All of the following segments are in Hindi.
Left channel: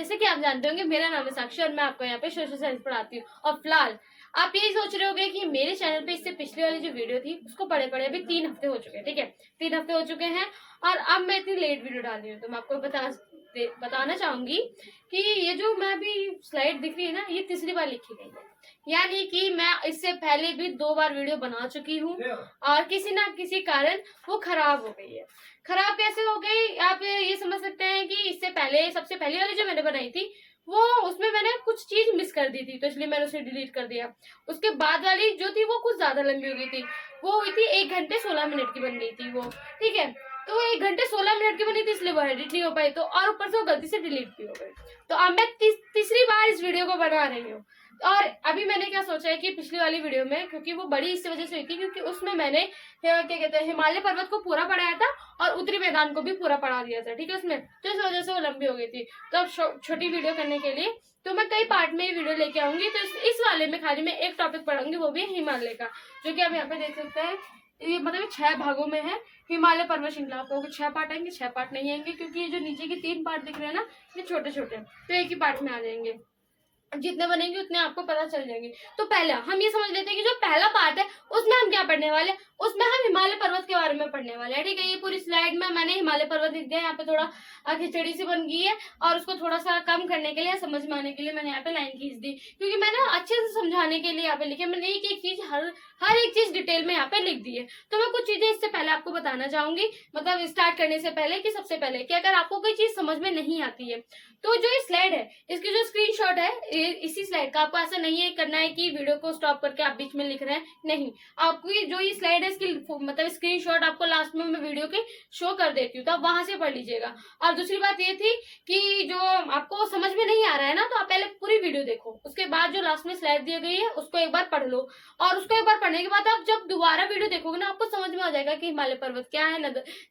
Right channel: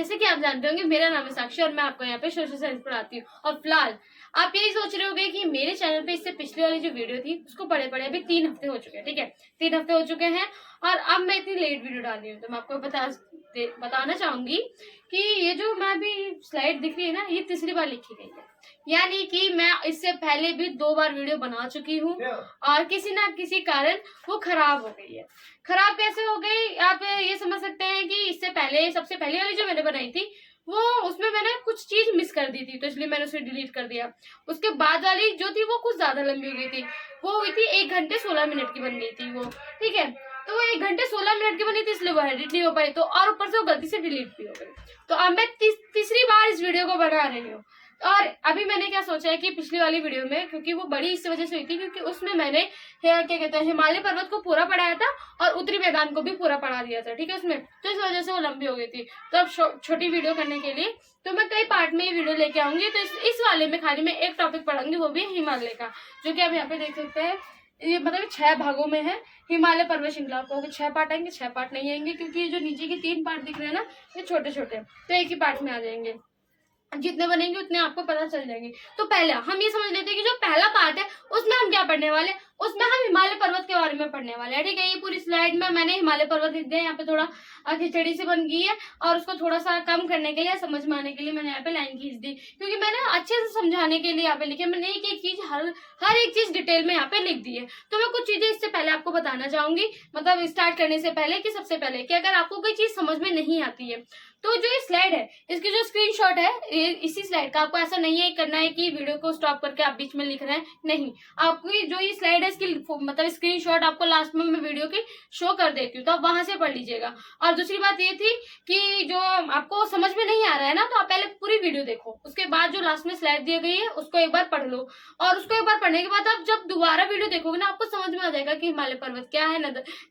जैसे कि आप जानते होंगे मेरा नाम है साक्षी और मैं आपको यहाँ पे सोशल साइंस पढ़ाती हूँ। और फिलहाल आप यही सोच रहे होंगे कि मेरे चैनल पे इससे पिछले वाली जो वीडियो थी उसको पढ़े अभी 3 हफ्ते हो चुके हैं, ठीक है, 3 हफ्ते हो चुके हैं और अब मैं इतनी लेट वीडियो डाल रही हूँ। तो मैं आपको बताना चाहूंगी कि ये जो मैं अभी स्लाइड दिख रही है ना, ये तीसरी बार लिखी गई है, यानी कि मैं इससे पहले भी 2 बार वीडियो बना चुकी हूँ और किसी ना किसी कारण वो खराब हो गई है। खराब कैसे हो गई आप ये समझ सकते हैं कि इससे पहले सबसे पहले वाली जो मैंने बनाई थी वो उसमें मैंने कुछ चीज मिस कर दी थी, तो इसलिए मैंने उसे डिलीट कर दिया। उसके बाद वाली जो थी वो कुछ ज्यादा लंबी हो गई थी, वो हुई थी 1 घंटे 16 मिनट की बन गई थी वो, ठीक है। तो वो 1 घंटे 16 मिनट की बनी थी इसलिए वो एडिट नहीं हो पाई, तो और ऊपर से वो गलती से डिलीट भी हो गई। तो अब मैं तीसरी बार इस वीडियो को बना रही हूँ। और अभी मैंने क्या सोचा है कि पिछली वाली वीडियो में, क्योंकि वो बड़ी इस वजह से हुई थी क्योंकि उसमें मैंने क्या कहते हैं हिमालय पर्वत को पूरा पढ़ाया था और उत्तरी मैदान को भी पूरा पढ़ा दिया था, ठीक है उसमें, तो इस वजह से वो लंबी हो गई थी। तो अब छोटी वीडियो करने के लिए तो मैं कई पार्ट में ये वीडियो लेके आऊंगी। तो इस वाले में खाली मैं एक टॉपिक पढ़ाऊंगी, वो भी हिमालय का, जो कि आप यहाँ पे देख सकते हैं। ये मतलब 6 भागों में है हिमालय पर्वत श्रृंखला। आपको 6 पार्ट आएंगे, 6 पार्ट नहीं आएंगे क्योंकि ये जो नीचे के 3 पार्ट दिख रहे हैं ना, ये छोटे छोटे, तो एक ही पार्ट में आ जाएंगे। जितने बनेंगे उतने आपको पता चल जाएंगे। तो पहला हम ये समझ लेते हैं कि जो पहला पार्ट है उसमें हम क्या पढ़ने वाले, उसमें हम हिमालय पर्वत के बारे में पढ़ने वाले हैं, ठीक है। ये पूरी स्लाइड में मैंने हिमालय पर्वत लिख दिया, यहाँ पे थोड़ा खिचड़ी सी बन गई है और उसको थोड़ा सा कम करने के लिए, समझ में आने के लिए मैंने यहाँ पे लाइन खींच दी, क्योंकि मैंने अच्छे से समझाने के लिए यहाँ पे लिखे। मैंने एक एक चीज हर एक चीज डिटेल में यहाँ पे लिख दी है। तो मैं कुछ चीजें इससे पहले आपको बताना चाहूंगी, मतलब स्टार्ट करने से पहले, कि सबसे पहले कि अगर आपको कोई चीज समझ में नहीं आती है तो जो ये स्लाइड है इसकी जो स्क्रीनशॉट है इसी स्लाइड का, आपको ऐसा नहीं है करना है कि वीडियो को स्टॉप करके आप बीच में लिख रहे हैं, नहीं, आपकी जो ये स्लाइड है इसकी मतलब स्क्रीनशॉट आपको लास्ट में मैं वीडियो की शो कर देती हूँ, तो आप वहां से पढ़ लीजिएगा। और दूसरी बात ये थी कि जो आपको समझ में नहीं आ रहा है ना, तो आप पहले पूरी वीडियो देखो, उसके बाद जो लास्ट में स्लाइड दी गई है उसको एक बार पढ़ लो, और उसको एक बार पढ़ने के बाद आप जब दोबारा वीडियो देखोगे ना, आपको समझ में आ जाएगा कि हिमालय पर्वत क्या है,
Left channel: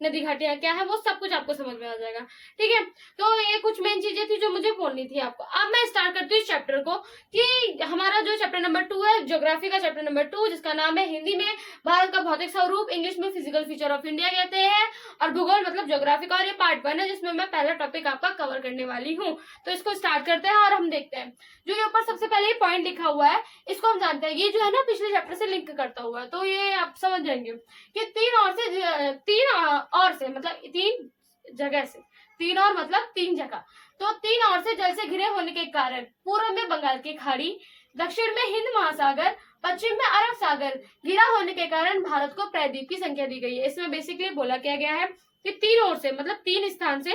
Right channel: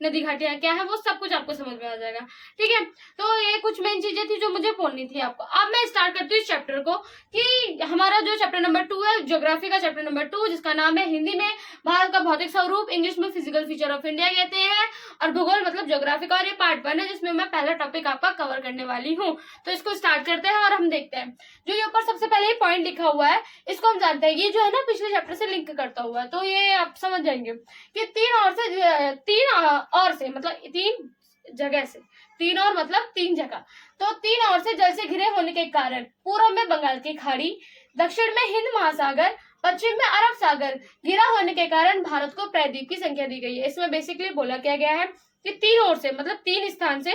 नदी घाटियां क्या है, वो सब कुछ आपको समझ में आ जाएगा, ठीक है। तो ये कुछ मेन चीजें थी जो मुझे बोलनी थी आपको। अब मैं स्टार्ट करती हूँ इस चैप्टर को, कि हमारा जो चैप्टर नंबर 2 है, ज्योग्राफी का चैप्टर नंबर 2, जिसका नाम है हिंदी में भारत का भौतिक स्वरूप, इंग्लिश में फिजिकल फीचर ऑफ इंडिया कहते हैं, और भूगोल मतलब ज्योग्राफी का, और ये पार्ट 1 है जिसमें मैं पहला टॉपिक आपका कवर करने वाली हूँ। तो इसको स्टार्ट करते हैं और हम देखते हैं। जो ये ऊपर सबसे पहले पॉइंट लिखा हुआ है इसको हम जानते हैं, ये जो है ना पिछले चैप्टर से लिंक करता हुआ है, तो ये आप समझ जाएंगे कि 3 और से मतलब 3 जगह से, 3 और मतलब 3 जगह, तो 3 और से जल से घिरे होने के कारण पूर्व में बंगाल की खाड़ी, दक्षिण में हिंद महासागर, पश्चिम में अरब सागर घिरा होने के कारण भारत को प्रायद्वीप की संख्या दी गई है। इसमें बेसिकली बोला क्या गया है कि 3 ओर से मतलब 3 स्थान से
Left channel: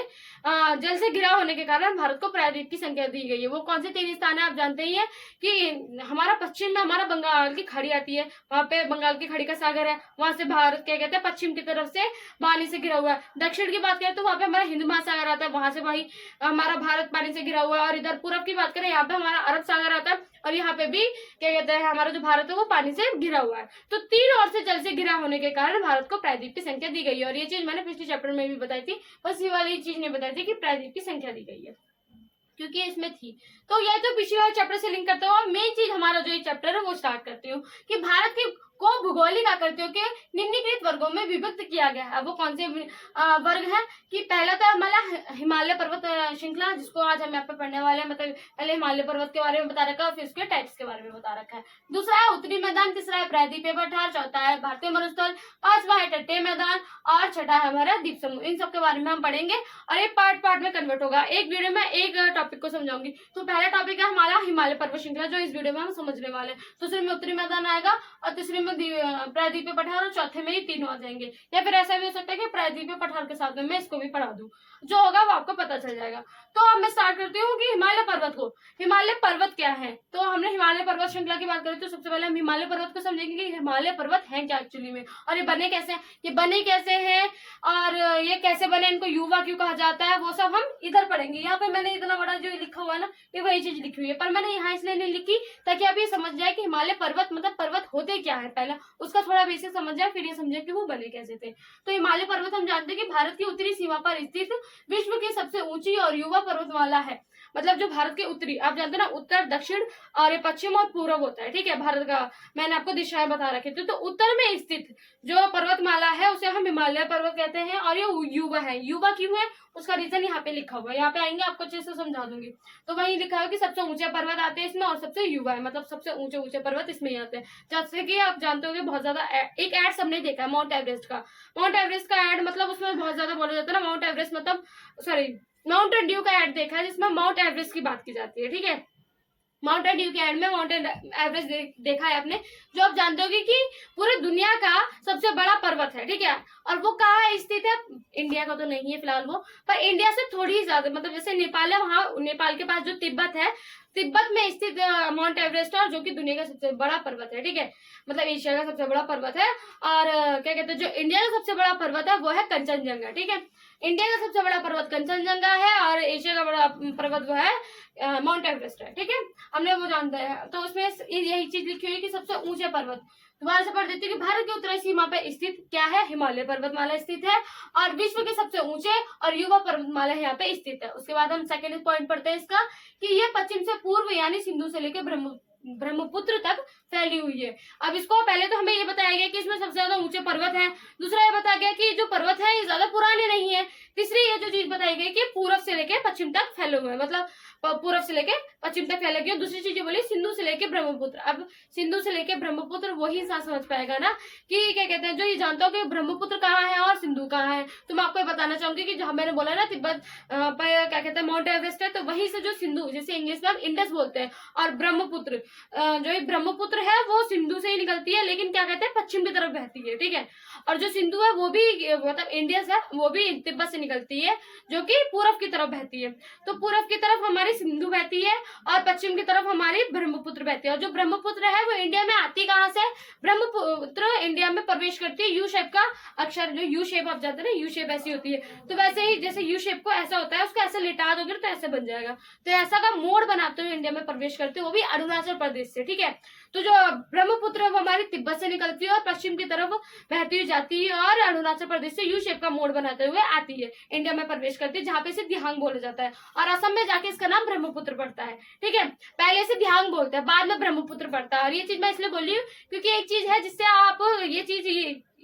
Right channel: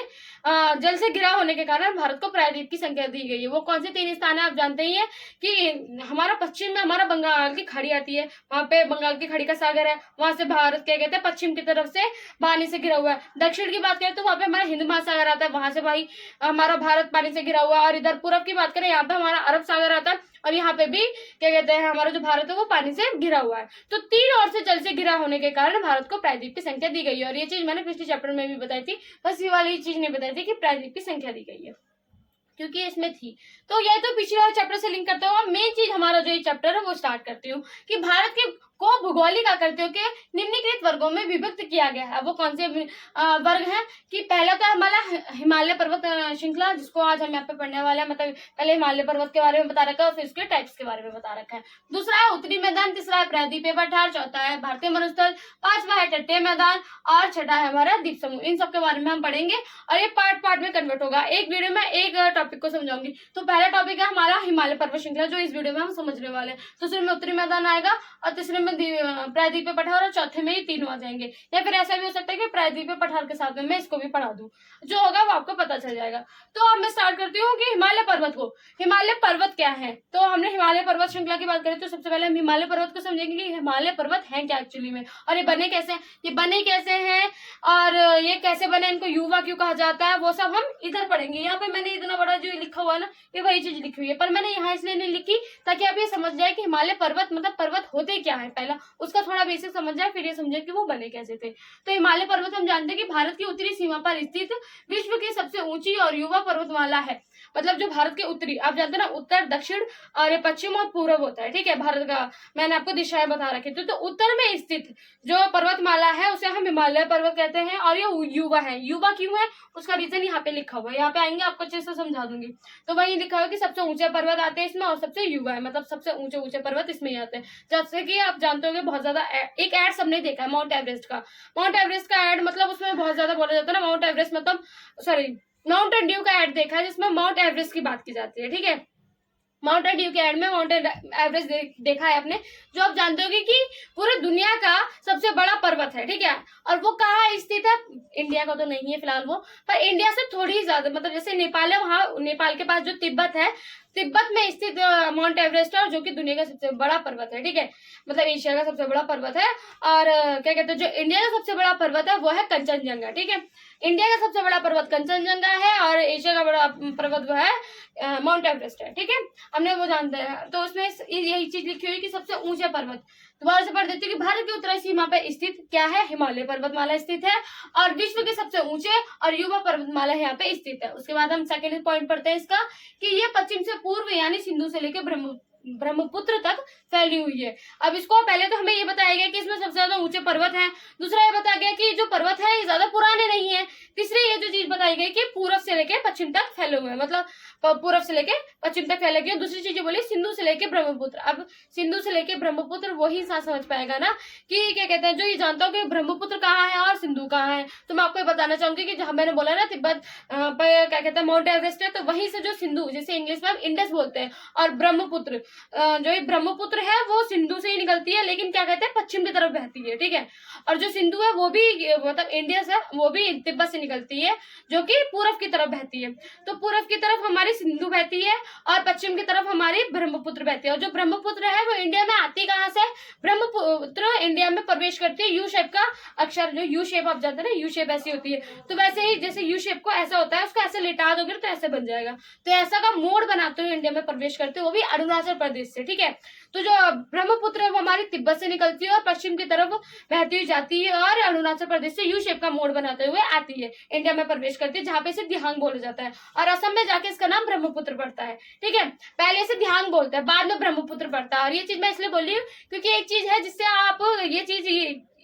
जल से घिरा होने के कारण भारत को प्रायद्वीप की संख्या दी गई है। वो कौन से 3 स्थान है आप जानते ही हैं कि हमारा पश्चिम में हमारा बंगाल की खाड़ी आती है, वहां पे बंगाल की खाड़ी का सागर है, वहां से भारत क्या कहते हैं पश्चिम की तरफ से पानी से घिरा हुआ है। दक्षिण की बात करें तो वहां पे हमारा हिंद महासागर आता है, वहां से भाई हमारा भारत पानी से घिरा हुआ है। और इधर पूरब की बात करें यहाँ पे हमारा अरब सागर आता है, और यहाँ पे भी क्या कहते हैं हमारा जो भारत है वो पानी से घिरा हुआ है। तो 3 ओर से जल से घिरा होने के कारण भारत को प्रायद्वीप की संख्या दी गई है, और ये चीज मैंने पिछले चैप्टर में भी बताई थी, बस ये वाली चीज नहीं बताई थी कि प्रायद्वीप की संख्या दी गई है क्योंकि इसमें थी। तो यह तो पिछले वाले चैप्टर से लिंक करते हुआ मेन चीज हमारा जो ये चैप्टर है वो स्टार्ट करती हूँ कि भारत के को भौगोलिक आकृतियों के निम्नलिखित वर्गों में विभक्त किया गया है। वो कौन से वर्ग हैं कि पहला तो हमारा हिमालय पर्वत श्रृंखला, जिसको आज हम यहाँ पे पढ़ने वाले हैं, मतलब पहले हिमालय पर्वत के बारे में बता रखा है, फिर उसके टाइप्स के बारे में बता रखा है। दूसरा है उत्तरी मैदान, तीसरा है प्रायद्वीपीय पठार, चौथा है भारतीय मरुस्थल, पांचवा है तटीय मैदान, और छठा है हमारा द्वीप समूह। इन सब के बारे में हम पढ़ेंगे और ये पार्ट में कन्वर्ट होगा। एक वीडियो में एक टॉपिक को समझाऊंगी। तो पहला टॉपिक है हमारा हिमालय पर्वत श्रृंखला, जो इस वीडियो में हम समझने वाले हैं। दूसरे में उत्तरी मैदान आएगा, और तीसरे में प्रायद्वीपीय पठार, और चौथे में ही तीनों आ जाएंगे। या फिर ऐसा भी हो सकता है कि प्रायद्वीपीय पठार के साथ में मैं इसको भी पढ़ा दूं, जो होगा वो आपको पता चल जाएगा। तो अब मैं स्टार्ट करती हूँ कि हिमालय पर्वत को, हिमालय पर्वत क्या है। तो हमने हिमालय पर्वत श्रृंखला की बात करें तो सबसे पहले हम हिमालय पर्वत को समझेंगे कि हिमालय पर्वत है क्या एक्चुअली में, और ये बने कैसे हैं, और ये कैसे बने, इनको युवा क्यों कहा जाता है, वो सब हम इधर पढ़ेंगे। यहाँ पे मैंने इतना बड़ा जो लिखा हुआ है ना, ये वही चीज लिखी हुई है, पर मैंने यहाँ इसलिए नहीं लिखी ताकि आप ये समझ जाए कि हिमालय पर्वत मतलब पर्वत होते क्या है, पहला उसका थोड़ा बेसिक समझ जाए, फिर ये समझे कि वो बने कैसे थे। तो हिमालय पर्वत हम जानते हैं कि भारत की उत्तरी सीमा पर स्थित विश्व की सबसे ऊंची और युवा पर्वतमाला है। मतलब जो भारत के उत्तरी, आप जानते हैं ना, उत्तर, दक्षिण और पश्चिम और पूर्व होता है, ठीक है, भारत का मैंने आपको दिशाएं बता रखी थी। तो उत्तर में स्थित जो पर्वतमाला है उसे हम हिमालय पर्वत कहते हैं। कहते हैं, और ये युवा है। युवा क्यों है उसका रीजन यहाँ पे लिखा हुआ है, यहाँ पे आएंगे आपको अच्छे से समझा दूंगी। तो वही लिखा हुआ कि सबसे ऊंचे पर्वत आते हैं इसमें और सबसे युवा है, मतलब सबसे ऊंचे ऊंचे पर्वत इसमें ही आते हैं। जैसे कि आप जानते होंगे बहुत ज्यादा एक एड सबने देखा है माउंट एवरेस्ट का। माउंट एवरेस्ट का एड मतलब उसमें बहुत ज्यादा बोला जाता है ना, माउंट एवरेस्ट मतलब सॉरी माउंटेन ड्यू का एड देखा है जिसमें माउंट एवरेस्ट की बात की जाती है, ठीक है। माउंटेन ड्यू के एड में माउंटेन एवरेस्ट देखा है आपने, जो आप जानते होगे कि पूरे दुनिया का सबसे बड़ा पर्वत है, ठीक है। और वो कहाँ स्थित है, इंडिया का तो नहीं है फिलहाल वो, पर इंडिया से थोड़ी ही ज्यादा, मतलब जैसे नेपाल है, वहाँ नेपाल के पास जो तिब्बत है, तिब्बत में स्थित माउंट एवरेस्ट है, और जो कि दुनिया का सबसे बड़ा पर्वत है, ठीक है, मतलब एशिया का सबसे बड़ा पर्वत है। और क्या कहते हैं, जो इंडिया का सबसे बड़ा पर्वत है वो है कंचनजंगा, ठीक है। इंडिया का सबसे बड़ा पर्वत कंचनजंगा है और एशिया का बड़ा पर्वत वो है माउंट एवरेस्ट है, ठीक है। हमने वो जानते हैं, तो उसमें यही चीज लिखी हुई है कि सबसे ऊंचे पर्वत। दोबारा से पढ़ देती हूँ कि भारत की उत्तरी सीमा पर स्थित क्या है, हिमालय पर्वतमाला स्थित है, और विश्व के सबसे ऊंचे और युवा पर्वतमाला यहाँ पे स्थित है। उसके बाद हम सेकेंड पॉइंट पढ़ते हैं इसका कि ये पश्चिम से पूर्व यानी सिंधु से लेकर ब्रह्मपुत्र तक फैली हुई है। अब इसको पहले तो हमें ये बताया गया कि इसमें सबसे ज्यादा ऊंचे पर्वत हैं, दूसरा ये बताया गया कि जो पर्वत है ये ज्यादा पुराने नहीं है, तीसरी ये जो चीज बताई गई कि पूर्व से लेके पश्चिम तक फैले हुए हैं, मतलब पूर्व से लेके पश्चिम तक फैले गए। दूसरी चीज बोली सिंधु से लेके ब्रह्मपुत्र। अब सिंधु से लेके ब्रह्मपुत्र वही इंसान समझ पाएगा ना कि क्या कहते हैं, जो ये जानता हो कि ब्रह्मपुत्र कहाँ है और सिंधु कहाँ है। तो मैं आपको ये बताना चाहूंगी कि जहां मैंने बोला ना तिब्बत पर क्या कहते हैं माउंट एवरेस्ट है, तो वहीं से जो सिंधु, जैसे इंग्लिश में हम इंडस बोलते हैं, और ब्रह्मपुत्र जो ये ब्रह्मपुत्र है वो सिंधु से ही निकलती है, लेकिन क्या कहते हैं पश्चिम की तरफ बहती है, ठीक है। और जो सिंधु है वो भी मतलब इंडिया से, वो भी तिब्बत से निकलती है, जो कि पूरब की तरफ बहती है। तो पूरब की तरफ हमारी सिंधु बहती है और पश्चिम की तरफ हमारी ब्रह्मपुत्र बहती है। और जो ब्रह्मपुत्र है वो इंडिया में आती कहाँ से, ब्रह्मपुत्र इंडिया में प्रवेश करती है। यू शेप का अक्षर, जो यू शेप आप जानते हैं ना, यू शेप ऐसी होती है, तो वैसे ही जैसे यू शेप को ऐसा होता है, उसको ऐसे लिटा दोगे तो ऐसे बन जाएगा। तो ऐसा का मोड़ बनाते हुए इंडिया में प्रवेश करते हैं, वो भी अरुणाचल प्रदेश से, ठीक है। तो जो ब्रह्मपुत्र है वो हमारी तिब्बत से निकलती है और पश्चिम की तरफ बहती हुई जाती है और अरुणाचल प्रदेश से यू शेप का मोड़ बनाते हुए आती है, इंडिया में प्रवेश करती है, जहां पे इसे दिहांग बोला जाता है। और असम में जाके इसका नाम ब्रह्मपुत्र पड़ता है, ठीक है। पहले इसे दिहांग बोलते हैं, बाद में ब्रह्मपुत्र पड़ता है। और ये चीज मैं इसलिए बोल रही हूँ क्योंकि एक चीज है जिससे आप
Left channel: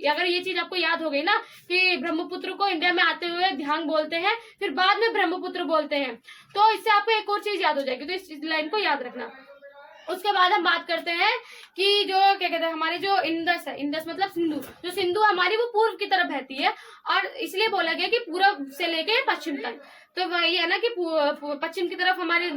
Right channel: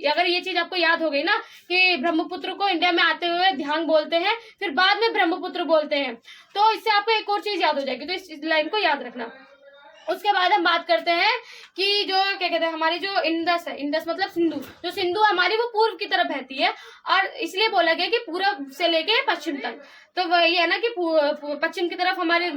अगर ये चीज आपको याद हो गई ना कि ब्रह्मपुत्र को इंडिया में आते हुए दिहांग बोलते हैं, फिर बाद में ब्रह्मपुत्र बोलते हैं, तो इससे आपको एक और चीज याद हो जाएगी, तो इस लाइन को याद रखना। उसके बाद हम बात करते हैं कि जो क्या कहते हैं हमारी जो इंडस है, इंडस मतलब सिंधु, जो सिंधु हमारी वो पूर्व की तरफ बहती है, और इसलिए बोला गया कि पूर्व से लेके पश्चिम तक। तो वही है ना कि पश्चिम की तरफ हमारी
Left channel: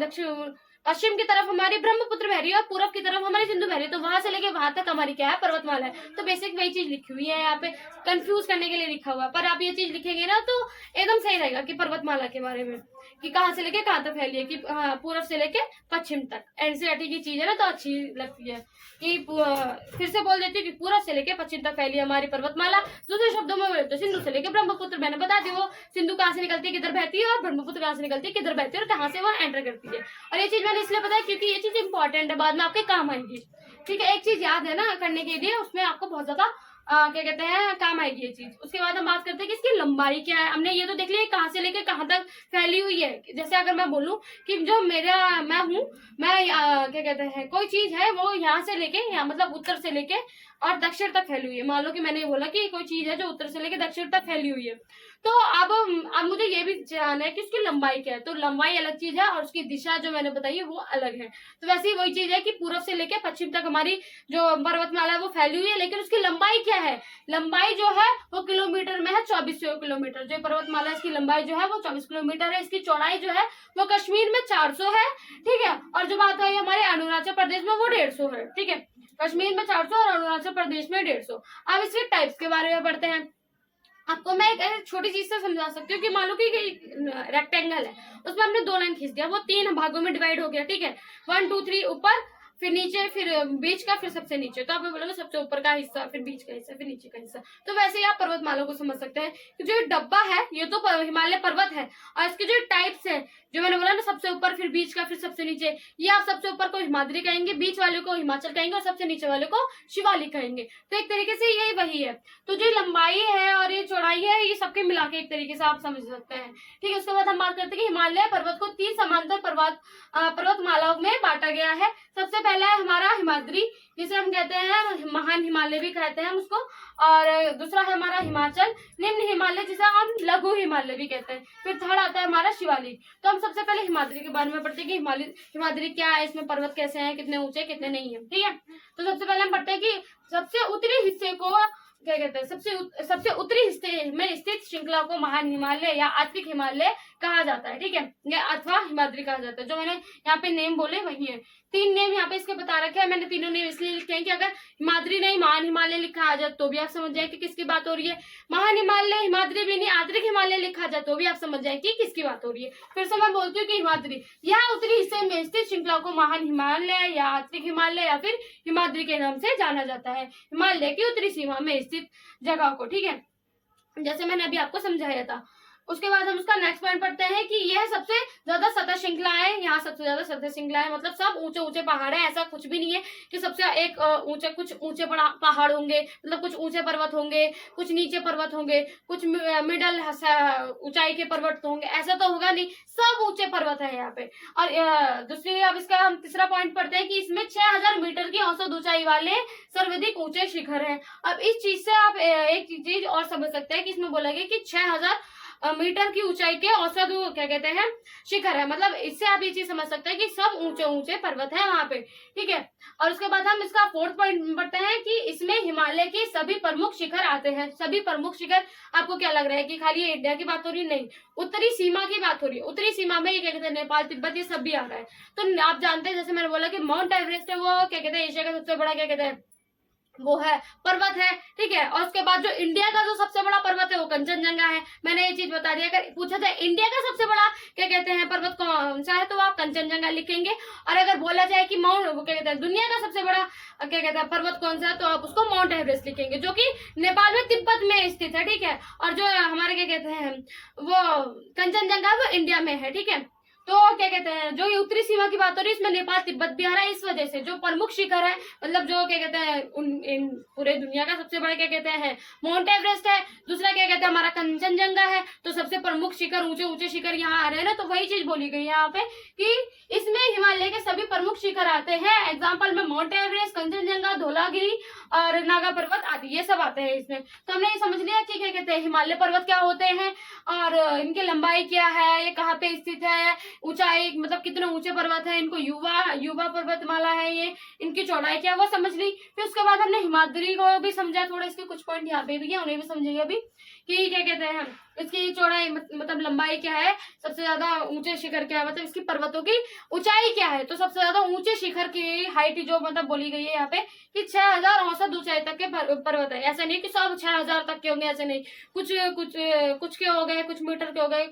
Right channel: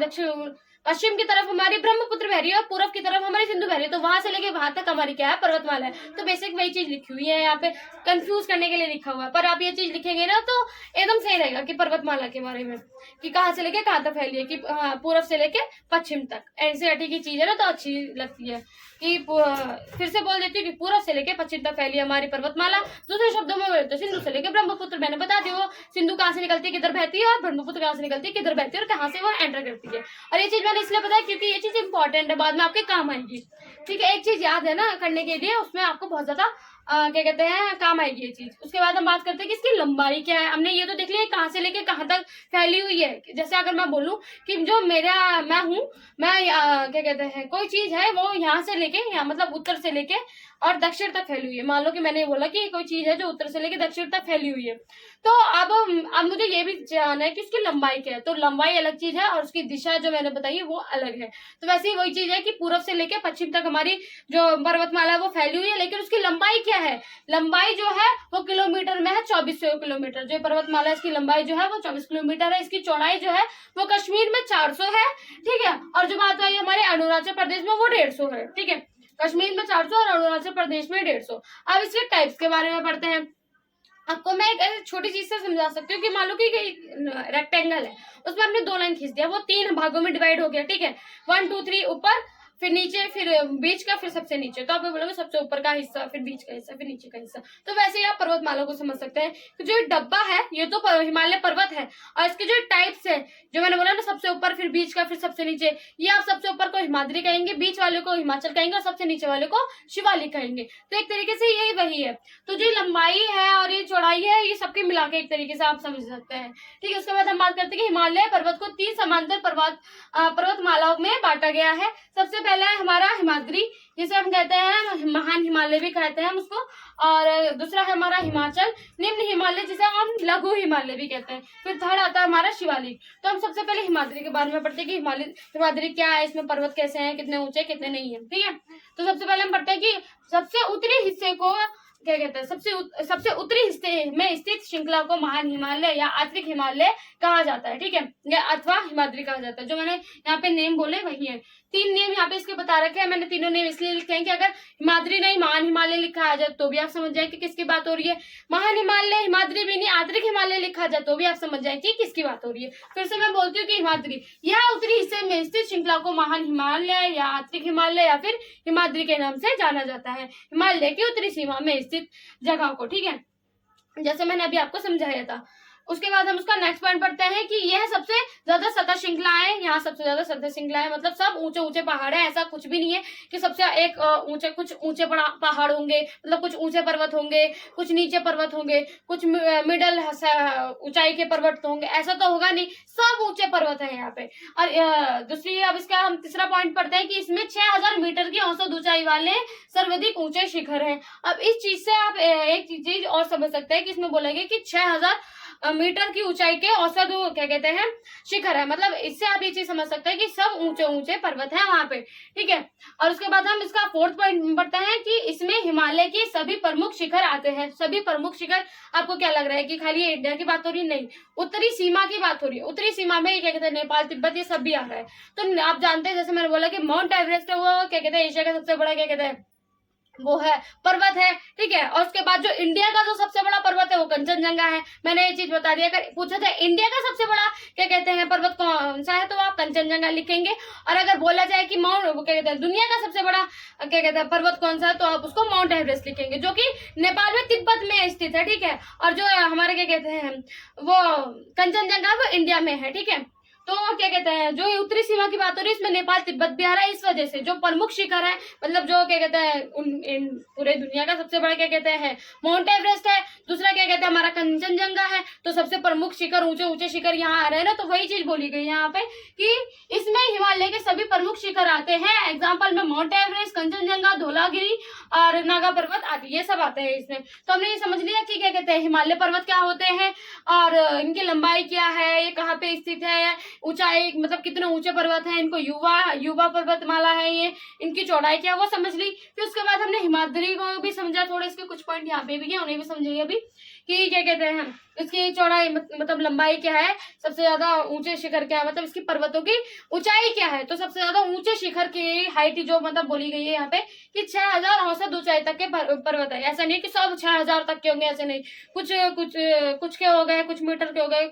पश्चिम की तरफ हमारी ब्रह्मपुत्र बह रही है और पूर्व की तरफ हमारी सिंधु बह रही है, तो वहां से लेके वहां तक हमारी क्या है, पर्वतमाला है। तो बेसिक वही चीज लिखी हुई है यहाँ पे, कंफ्यूज करने के लिए लिखा हुआ है, पर आप ये चीज लिखेंगे ना तो एकदम सही रहेगा कि पर्वतमाला के बारे में कि कहाँ से लेके कहाँ तक फैली है, कि पूर्व से लेके पश्चिम तक। एनसीईआरटी की चीज है ना, तो अच्छी लगती है कि फिर से बोल देती हूँ कि पूर्व से लेके पश्चिम तक फैली है हमारी पर्वतमाला। दूसरे शब्दों में बोले तो सिंधु से लेके ब्रह्मपुत्र, मैंने बता दी वो सिंधु कहाँ से निकलती है किधर बहती है, और ब्रह्मपुत्र कहाँ से निकलती है किधर बहती है, और कहाँ से वो एंटर करती है। और ये चीज मैंने इसलिए बताया क्योंकि ये चीज इंपॉर्टेंट है, बाद में आपके काम आएगी, ठीक है। एक चीज याद है ना करने के लिए, उसमें आपको बहुत ज्यादा क्या कहते हैं काम आएगी ये चीज। उसके बाद हम बात करते हैं कि इसकी लंबाई क्या है। हमने ये तो देख लिया कहाँ से लेके कहाँ तक फैली हुई है। जैसे अगर मैं बोलूं कि जो मैं क्या कहते हैं कोई चीज है वो यहाँ से लेके यहाँ मतलब उत्तर से लेके और दक्षिण तक फैली हुई है। मान लो कि मैंने बोला कि कोई चीज है जो उत्तर से लेके दक्षिण तक फैली हुई है, तो अब मुझे ये भी जानना है कि उसकी लंबाई क्या है। तो लंबाई अलग चीज है और उसकी दिशा जो मैंने बताई वो अलग है। तो वैसे ही वही चीज है कि पूर्व से लेके पश्चिम तक हमारी जो पर्वतमाला है वो फैली हुई है, लेकिन उसकी लंबाई क्या है, लंबाई जो है वो किलोमीटर में है, 2400 किलोमीटर। जो पर्वतमाला इसकी लंबाई जो है वो 24 किलोमीटर है। इसकी चौड़ाई जो है वो कश्मीर में 400 है, ठीक है। और जो बात आई हमारे अरुणाचल प्रदेश में वो 150 है, ठीक है। कश्मीर में 400 और अरुणाचल प्रदेश में 150। अब इसके टाइप्स के बारे में पढ़ते हैं। आपको मैं एक छोटी चीज से समझा सकती हूँ कि मान लो कि रेक्टेंगल है, उसमें हमने 2 लाइन खींच दिया, वो 3 भागों में डिवाइड हो गया, ठीक है। 1 2 3 ऊपर, फिर नीचे, फिर बीच का, फिर सबसे नीचे। तो आप बोलोगे सबसे ऊपर का हिस्सा, फिर बीच का हिस्सा, फिर नीचे का हिस्सा। तो वैसे ही आप पर्वतमाला को समझ सकते हैं कि जो डब्बा है ये तो हिमालय पर्वत है, और इसके जो टाइप्स है जो मैंने बोला ना, सबसे ऊपर, फिर बीच का, फिर सबसे नीचे, ये आप सबसे ऊपर को हिमाद्री कहेंगे, बीच वाले को हिमाचल कहेंगे और सबसे नीचे वाले को शिवालिक कहेंगे। तो एक तरीके से यही वही है। तो जो लंबाई है और ये चौड़ाई है ये सबके मिला के एक तरीके से आप समझ सकते हैं, ठीक है। उसके बाद हम बात करते हैं कि हिमालय पर्वत को 3 समांतर पर्वतमालाओं में बांटा गया है। सबसे पहला है हमारा हिमाद्री, जिसे हम कहते हैं महान हिमालय भी कहते हैं हम उसको, और दूसरा है हमारा हिमाचल निम्न हिमालय, जिसे हम लघु हिमालय भी कहते हैं। फिर थर्ड आता है हमारा शिवालिक। तो हम सबसे पहले हिमाद्री के बारे में पढ़ते हैं कि हिमाद्री क्या है, इसमें पर्वत कैसे हैं, कितने ऊंचे कितने नहीं है, ठीक है। तो सबसे पहले हम पढ़ते हैं कि सबसे उत्तरी हिस्से को क्या कहते हैं, सबसे उत्तरी हिस्से में स्थित श्रृंखला को महान हिमालय या आर्कटिक हिमालय कहा जाता है, ठीक है, या अथवा हिमाद्री कहा जाता है। जो मैंने यहाँ पे नेम बोले वही है, 3 नेम यहाँ पे इसके बता रखे हैं मैंने। तीनों नेम इसलिए लिखे हैं कि अगर हिमाद्री नहीं महान हिमालय लिखा आ जाए तो भी आप समझ जाए कि किसकी बात हो रही है, महान हिमालय हिमाद्री भी नहीं आर्कटिक हिमालय लिखा जाए तो भी आप समझ जाए कि किसकी बात हो रही है। फिर से मैं बोलती हूँ कि हिमाद्री यह उत्तरी हिस्से में स्थित श्रृंखला को महान हिमालय या आर्कटिक हिमालय या फिर हिमाद्री के नाम से जाना जाता है, हिमालय की उत्तरी सीमा में स्थित जगह को, ठीक है, जैसे मैंने अभी आपको समझाया था। उसके बाद हम उसका नेक्स्ट पॉइंट पढ़ते हैं कि यह सबसे ज्यादा सतह श्रृंखला है, यहाँ सबसे ज्यादा सतह श्रृंखला है, मतलब सब ऊंचे ऊंचे पहाड़ है। ऐसा कुछ भी नहीं है कि सबसे एक ऊंचे, कुछ ऊंचे पहाड़ होंगे, मतलब कुछ ऊंचे पर्वत होंगे, कुछ नीचे पर्वत होंगे, कुछ मिडल ऊंचाई के पर्वत होंगे, ऐसा तो होगा नहीं, सब ऊंचे पर्वत है यहाँ पे। और दूसरी अब इसका हम तीसरा पॉइंट पढ़ते हैं कि इसमें 6000 मीटर की औसत ऊंचाई वाले सर्वाधिक ऊंचे शिखर हैं। अब इस चीज से आप एक चीज और समझ सकते हैं कि इसमें बोला गया कि 6000 मीटर की ऊंचाई के औसत क्या कहते हैं शिखर है, मतलब इससे आप ये चीज समझ सकते हैं कि सब ऊंचे ऊंचे पर्वत है वहां पे, ठीक है। और उसके बाद हम इसका फोर्थ पॉइंट पढ़ते हैं कि इसमें हिमालय के सभी प्रमुख शिखर आते हैं। सभी प्रमुख शिखर, आपको क्या लग रहा है कि खाली इंडिया की बात हो रही है? नहीं, उत्तरी सीमा की बात हो रही है। उत्तरी सीमा में क्या कहते हैं नेपाल तिब्बत ये सब भी आ रहा है। तो आप जानते हैं, जैसे मैंने बोला कि माउंट एवरेस्ट है वो क्या कहते हैं एशिया का सबसे बड़ा क्या कहते हैं वो है पर्वत है, ठीक है। और उसके बाद जो इंडिया का जो सबसे बड़ा पर्वत है वो कंचनजंगा है। मैंने ये चीज बता दी। अगर पूछा जाए इंडिया का सबसे बड़ा क्या कहते हैं पर्वत कौन सा है तो आप कंचनजंगा लिखेंगे। और अगर बोला जाए कि माउंट वो क्या कहते हैं दुनिया का सबसे बड़ा क्या कहते हैं पर्वत कौन सा है तो आप उसको माउंट एवरेस्ट लिखेंगे, जो कि नेपाल में तिब्बत में स्थित है, ठीक है। और जो हमारे क्या कहते हैं वो कंचनजंगा वो इंडिया में है, ठीक है। तो क्या कहते हैं जो उत्तरी सीमा की बात हो रही है इसमें नेपाल तिब्बत भी आ रहा है। इस वजह से जो प्रमुख शिखर है, मतलब जो क्या कहते हैं इन पूरे दुनिया का सबसे बड़ा क्या कहते हैं माउंट एवरेस्ट है, दूसरा क्या कहते हैं हमारा कंचनजंगा है। तो सबसे प्रमुख शिखर ऊंचे ऊंचे शिखर यहाँ आ रहे हैं ना, तो वही चीज बोली गई यहाँ पे कि इसमें हिमालय के सभी प्रमुख शिखर आते हैं। एग्जाम्पल में माउंट एवरेस्ट, कंचनजंगा, धौलागिरी और नागा पर्वत आदि ये सब आते हैं इसमें। तो हमने ये समझ लिया कि क्या कहते हैं हिमालय पर्वत क्या होते हैं और इनकी लंबाई क्या है, ये कहाँ पे स्थित है, ऊंचाई मतलब कितने ऊंचे पर्वत है, इनको युवा पर्वतमाला है, ये इनकी चौड़ाई क्या वो समझ ली। फिर उसके बाद हमने हिमाद्री को भी समझा, थोड़े इसके कुछ पॉइंट यहाँ पे भी है उन्हें भी समझेंगे अभी कि क्या कहते हैं इसकी चौड़ाई मतलब लंबाई क्या है, सबसे ज्यादा ऊंचे शिखर क्या है, मतलब इसकी पर्वतों की ऊंचाई क्या है। तो सबसे ज्यादा ऊंचे शिखर की हाइट जो मतलब बोली गई है यहाँ पे कि 6000 औसत ऊंचाई तक के पर्वत है। ऐसा नहीं कि सब 6000 तक के होंगे, ऐसे नहीं, कुछ के हो गए, कुछ मीटर के हो गए,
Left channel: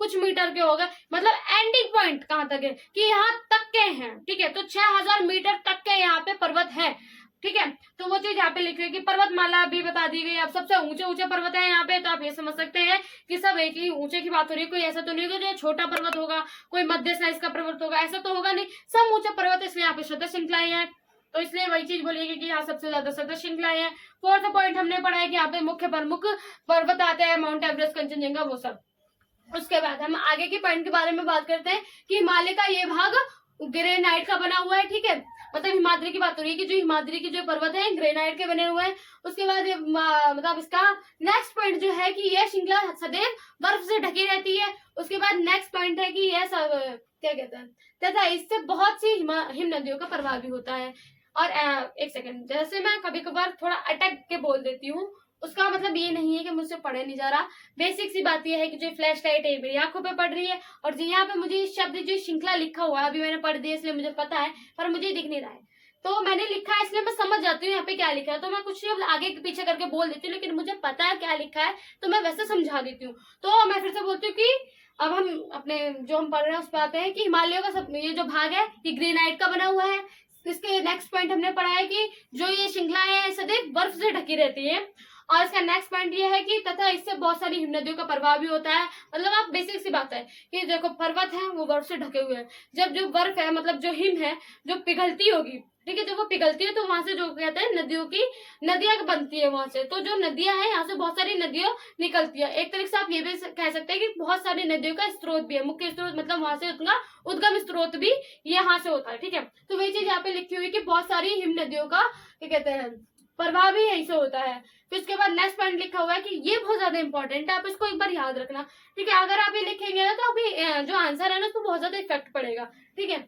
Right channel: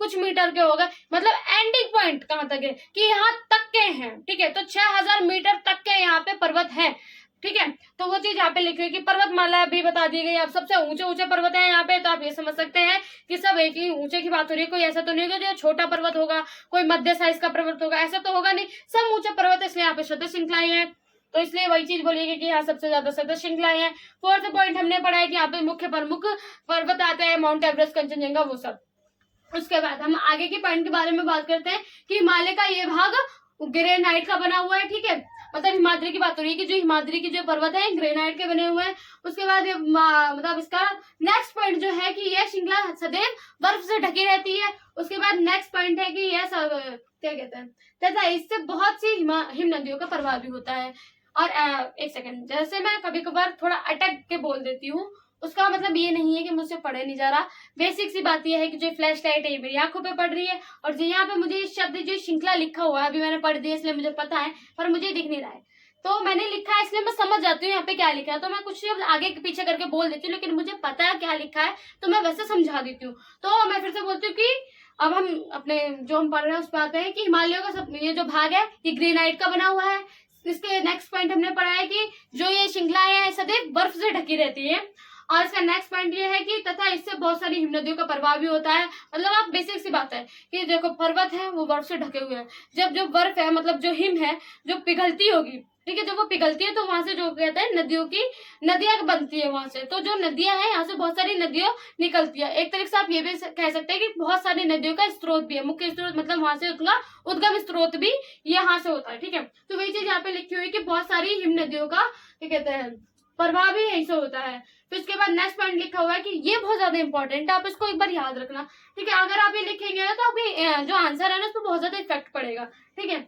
कुछ मीटर के हो गए, मतलब एंडिंग पॉइंट कहाँ तक है कि यहाँ तक के हैं, ठीक है। तो 6000 मीटर तक के यहाँ पे पर्वत है, ठीक है। तो वो चीज यहाँ पे लिख रही है कि पर्वतमाला भी बता दी गई। अब सबसे ऊंचे ऊंचे पर्वत है यहाँ पे, तो आप ये समझ सकते हैं कि सब एक ही ऊंचे की बात हो रही है। कोई ऐसा तो नहीं होगा जो छोटा पर्वत होगा, कोई मध्य साइज का पर्वत होगा, ऐसा तो होगा नहीं, सब ऊंचे पर्वत है, इसलिए यहाँ पे सतह श्रृंखलाएं हैं। तो इसलिए वही चीज बोलिएगी कि यहाँ सबसे ज्यादा सतह श्रृंखलाएं हैं। फोर्थ पॉइंट हमने पढ़ा है कि यहाँ पे मुख्य प्रमुख पर्वत आते हैं, माउंट एवरेस्ट, कंचनजंगा, वो सब। उसके बाद हम आगे के पॉइंट के बारे में बात करते हैं कि हिमालय का ये भाग ग्रेनाइट का बना हुआ है, ठीक है। मतलब हिमाद्री की बात हो रही है कि जो हिमाद्री के जो पर्वत है ग्रेनाइट के बने हुए हैं। उसके बाद मतलब इसका नेक्स्ट पॉइंट जो है कि यह श्रृंखला सदैव बर्फ से ढकी रहती है। उसके बाद नेक्स्ट पॉइंट है कि यह क्या कहते हैं तथा इससे बहुत सी हिम नदियों का प्रभाव भी होता है। और एक सेकंड, जैसे मैं कभी कभार थोड़ा अटक के बोल देती हूँ, उसका मतलब ये नहीं है कि मुझसे पढ़े नहीं जा रहा। बेसिक सी बात यह है कि जो फ्लैश लाइट है मेरी आंखों पे पड़ रही है और जो यहाँ पे मुझे इस शब्द जो श्रृंखला लिखा हुआ है अभी मैंने पढ़ दिया इसलिए मुझे पता है, पर मुझे दिख नहीं रहा है। तो मैंने लिखा है इसलिए मैं समझ जाती हूँ यहाँ पे क्या लिखा है, तो मैं कुछ आगे पीछे करके बोल देती हूँ, लेकिन मुझे पता है क्या लिखा है तो मैं वैसे समझा देती हूँ। तो मैं फिर से बोलती हूँ कि अब हम अपने जो हम पढ़ रहे हैं उस पर आते हैं कि हिमालयों का सब ये जो भाग है ये ग्रेनाइट का बना हुआ है। इसके नेक्स्ट पॉइंट हमने पढ़ा है कि जो ये श्रृंखला है सदैव बर्फ से ढकी रहती है। और इसका नेक्स्ट पॉइंट ये है कि तथा इससे बहुत सारी हिम नदियों का प्रभाव भी होता है। मतलब आप बेसिक सी बात है कि देखो पर्वत है वो बर्फ से ढके हुए हैं, जब जो बर्फ है मतलब जो हिम है जो पिघलती होगी, ठीक है, जब वो पिघलती है तो वहां से जो कहते हैं नदियों की नदियां बनती है वहां से, तो जो नदियां हैं यहाँ से बहुत सारी नदियां निकलती है। एक तरीके से आप ये भी कह सकते हैं कि बहुत सारी नदियों का स्रोत भी है, मुख्य स्रोत मतलब वहां से उनका उद्गम स्रोत भी यहाँ से होता है, ठीक है। तो वही चीज यहाँ पे लिखी हुई कि बहुत सारी हिम नदियों का क्या कहते हैं प्रभाव भी यहीं से होता है। फिर उसके बाद नेक्स्ट पॉइंट लिखा हुआ है कि ये बहुत ज्यादा इंपॉर्टेंट है, आप इसको एक बार याद रखना, ठीक है। अगर आप ये लिखेंगे ना तो अभी जो आंसर है ना उस पर बहुत ज्यादा इफेक्ट पड़ेगा, ठीक है।